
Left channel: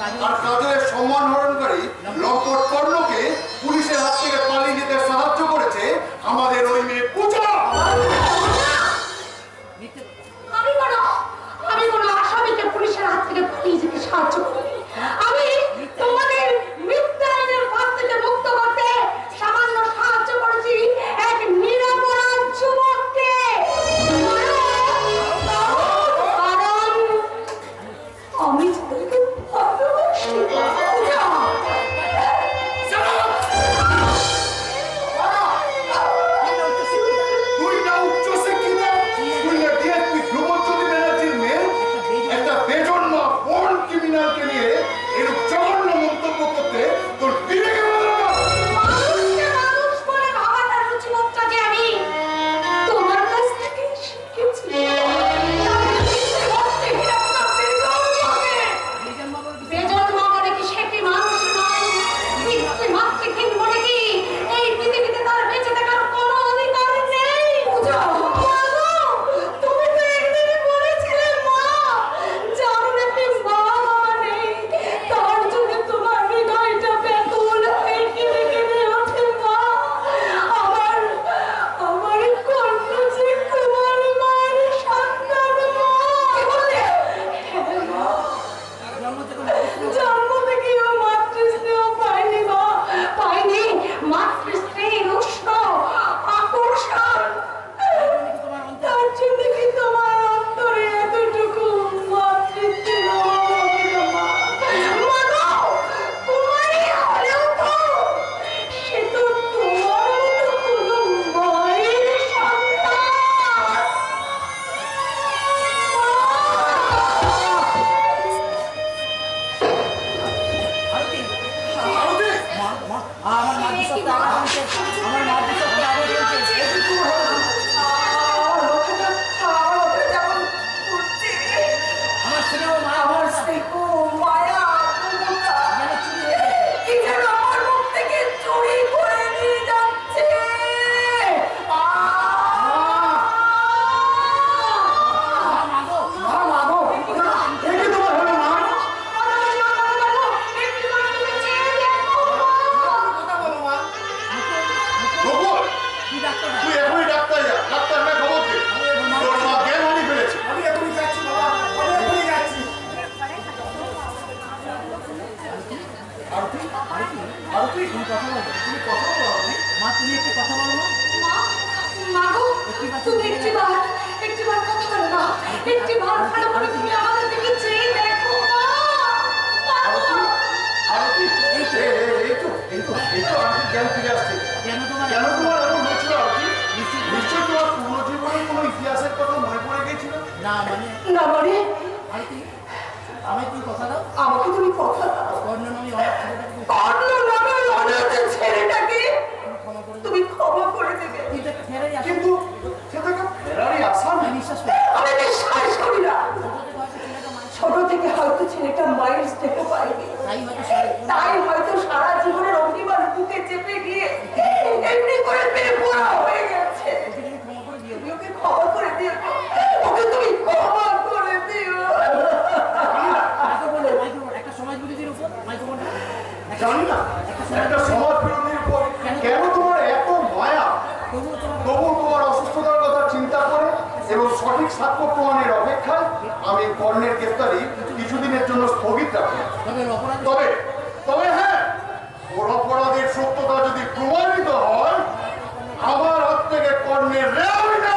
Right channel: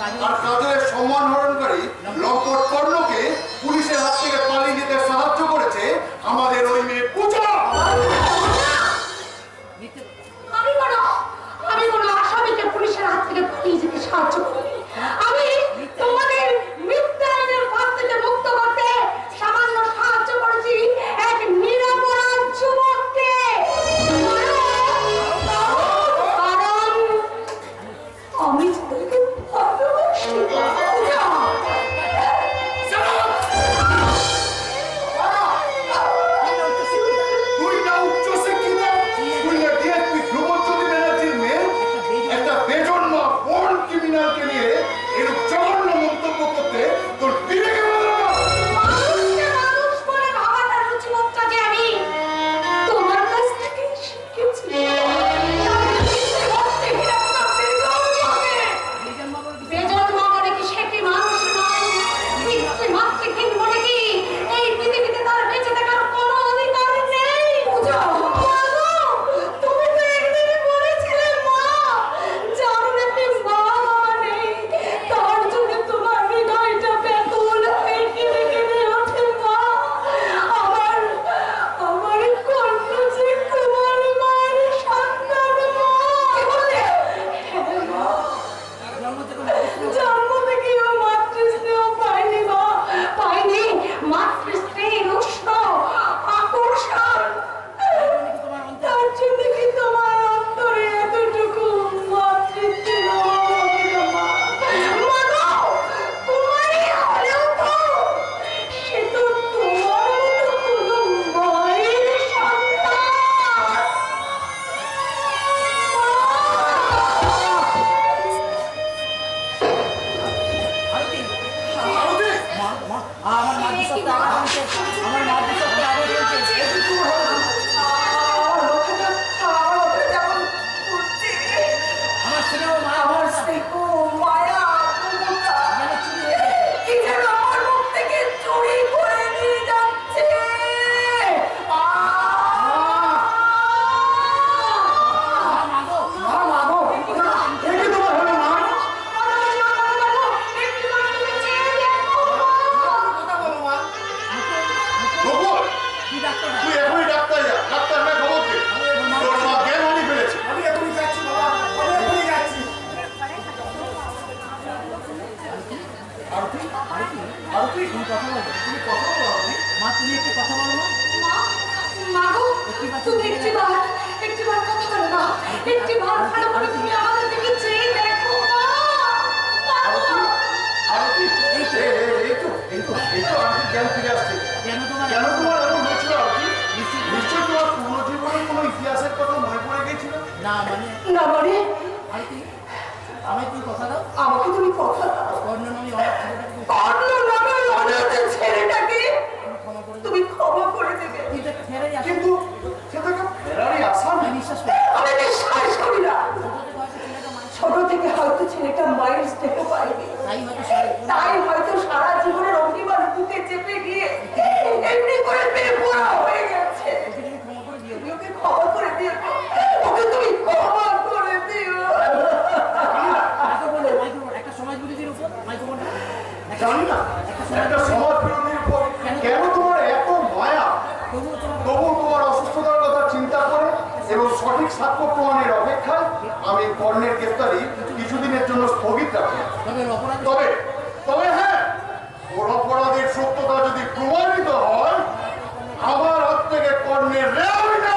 আর কাজলের সম্মান হরণকারী লম্পট কর্ণকে পুলিশের হাত থেকে পালিয়ে যেতে সাহায্য করেছে আমাদের ওই মেয়ে পূজা। আমি কোনো আসামিকে পুলিশের হাত থেকে পালিয়ে যেতে সাহায্য করি। আমি তোমাদের মিথ্যাচারের ফাঁদ থেকে মুক্ত করতে সামান্য সাহায্য করেছি এক নিরপরাধ যুবককে। কারণ আমি তোকে ভালোবাসি। পূজা, তুই না উচ্চ শিক্ষিত, তুই না ডিএসপি ধ্রুবজ্যোতি ব্যানার্জির মেয়ে, একটা বেজন্ম বন ক্রিমিনালকে নিয়ে এরূপ জঘন্য মন্তব্য করতে তোর বিবেকে বাধা না? মানুষকে মানুষ বলে ভাবাটা রুচিবোধটা যে আমি তোমার কাছ থেকে শিখেছি। বেজন্ম বলে কি সে কি মানুষ নয়? পিতৃমাতৃহীন বলে কি এই পৃথিবীতে তার বেঁচে থাকার কোনো অধিকার নেই? পূজা, তুমি তো একদিনই বলেছিলে মা, যার নাকি মা বাবা নেই তার জন্য তোমার হৃদয়টা ব্যাকুল হয়ে কেঁদে কেঁদে ওঠে মা। আমার কর্ণ যে তোমার মায়ের সন্তান মা। কি বললে? জন্ম থেকে ও মাতৃস্নেহ পায়নি মা, পায়নি মাতৃস্নেহের উষ্ণ আকর্ষণ। তার জন্য কি তোমার অন্তরে এতটুকু মাতৃস্নেহ হবে না মা? মা গো, কুমারী হলেও তো সে তো তোমার মতো কোনো মায়ের সন্তান। আমার মা বিশ্বকে আবার বলছে, আমার মা বিশ্বকে আবার বলছে। আমার স্নেহ মা আমার স্নেহ মায়া যেন চুরি হয়ে গেছে। কি যেন আমার মুখ থেকে চুরি করে নিয়ে যাচ্ছে। একে তোমার হলো না? গোকুল, কি ডাক্তার? তুই এখনই ডাক্তার যা। ডাক্তার না খবর দে। তোর মা জ্ঞান হারিয়ে ফেলেছে। আমি এখনই যাচ্ছি বাবা, আমি এখনই যাচ্ছি। তুমি কথা বলো, তুমি কথা বলো মা, তুমি একটু কথা বলো মা। মাগো, তুমি একটিবার কথা বলো না। একটিবার ভালো করে তুমি আমাদের দিকে চেয়ে দেখো মা। মাগো। আরতি, এই তো আরতি জ্ঞান ফিরে আসছে। কেন তোমার কেন তোমার এমন হয়েছিল আরতি? নিশ্চয়ই তোমার পুরনো জীবনের কোনো ইতিহাসের কথা মনে পড়ে গেছিল। না মানে না মানে আর কি আমি তুমি কথা দাও, আমাকে তুমি কথা দাও। কর্ণ নামে অনেক ছেলেটাকে কর্ণ নামে অনাথ ছেলেটাকে ক্ষমা করে তুমি ক্ষমা করে দেবে। কিন্তু একটা ফেরাই আসে। কিন্তু সেটাকে ফেরারই আশা আমি নেই। বিশ্বাস করি আমি বিশ্বাস করি না। ছোট থেকে হয়তো ছেলেটা মায়ের স্নেহ পায়নি, তাই হয়তো তাই হয়তো সারা জীবনের অভিমান বুকে চেপে গিয়ে এমনি করে বেপরোয়া হয়ে গেছে। তুমি ক্ষমা করে দিও। তুমি ওকে ক্ষমা করে দিও, ওকে তুমি ক্ষমা করে দিও। মাইক্রোফোন একটা সমাজ বিরোধীর উপর মাইক্রোফোন জানি না একটা সমাজ বিরোধীর উপর কেন তোমার এত মায়া? তবুও তোমার তবু তোমার অসুস্থতার কথা চিন্তা করে এবং সঠিক সাক্ষ্য প্রমাণের অপেক্ষায় আমি কর্ণের গ্রেফতারি কিছুদিনের জন্য স্থগিত রাখলাম। তবে অপরাধ তবে হ্যাঁ, ওর অপরাধের সত্যতা যদি প্রমাণিত হয়, আমার হাত থেকে কর্ণের রেহাই না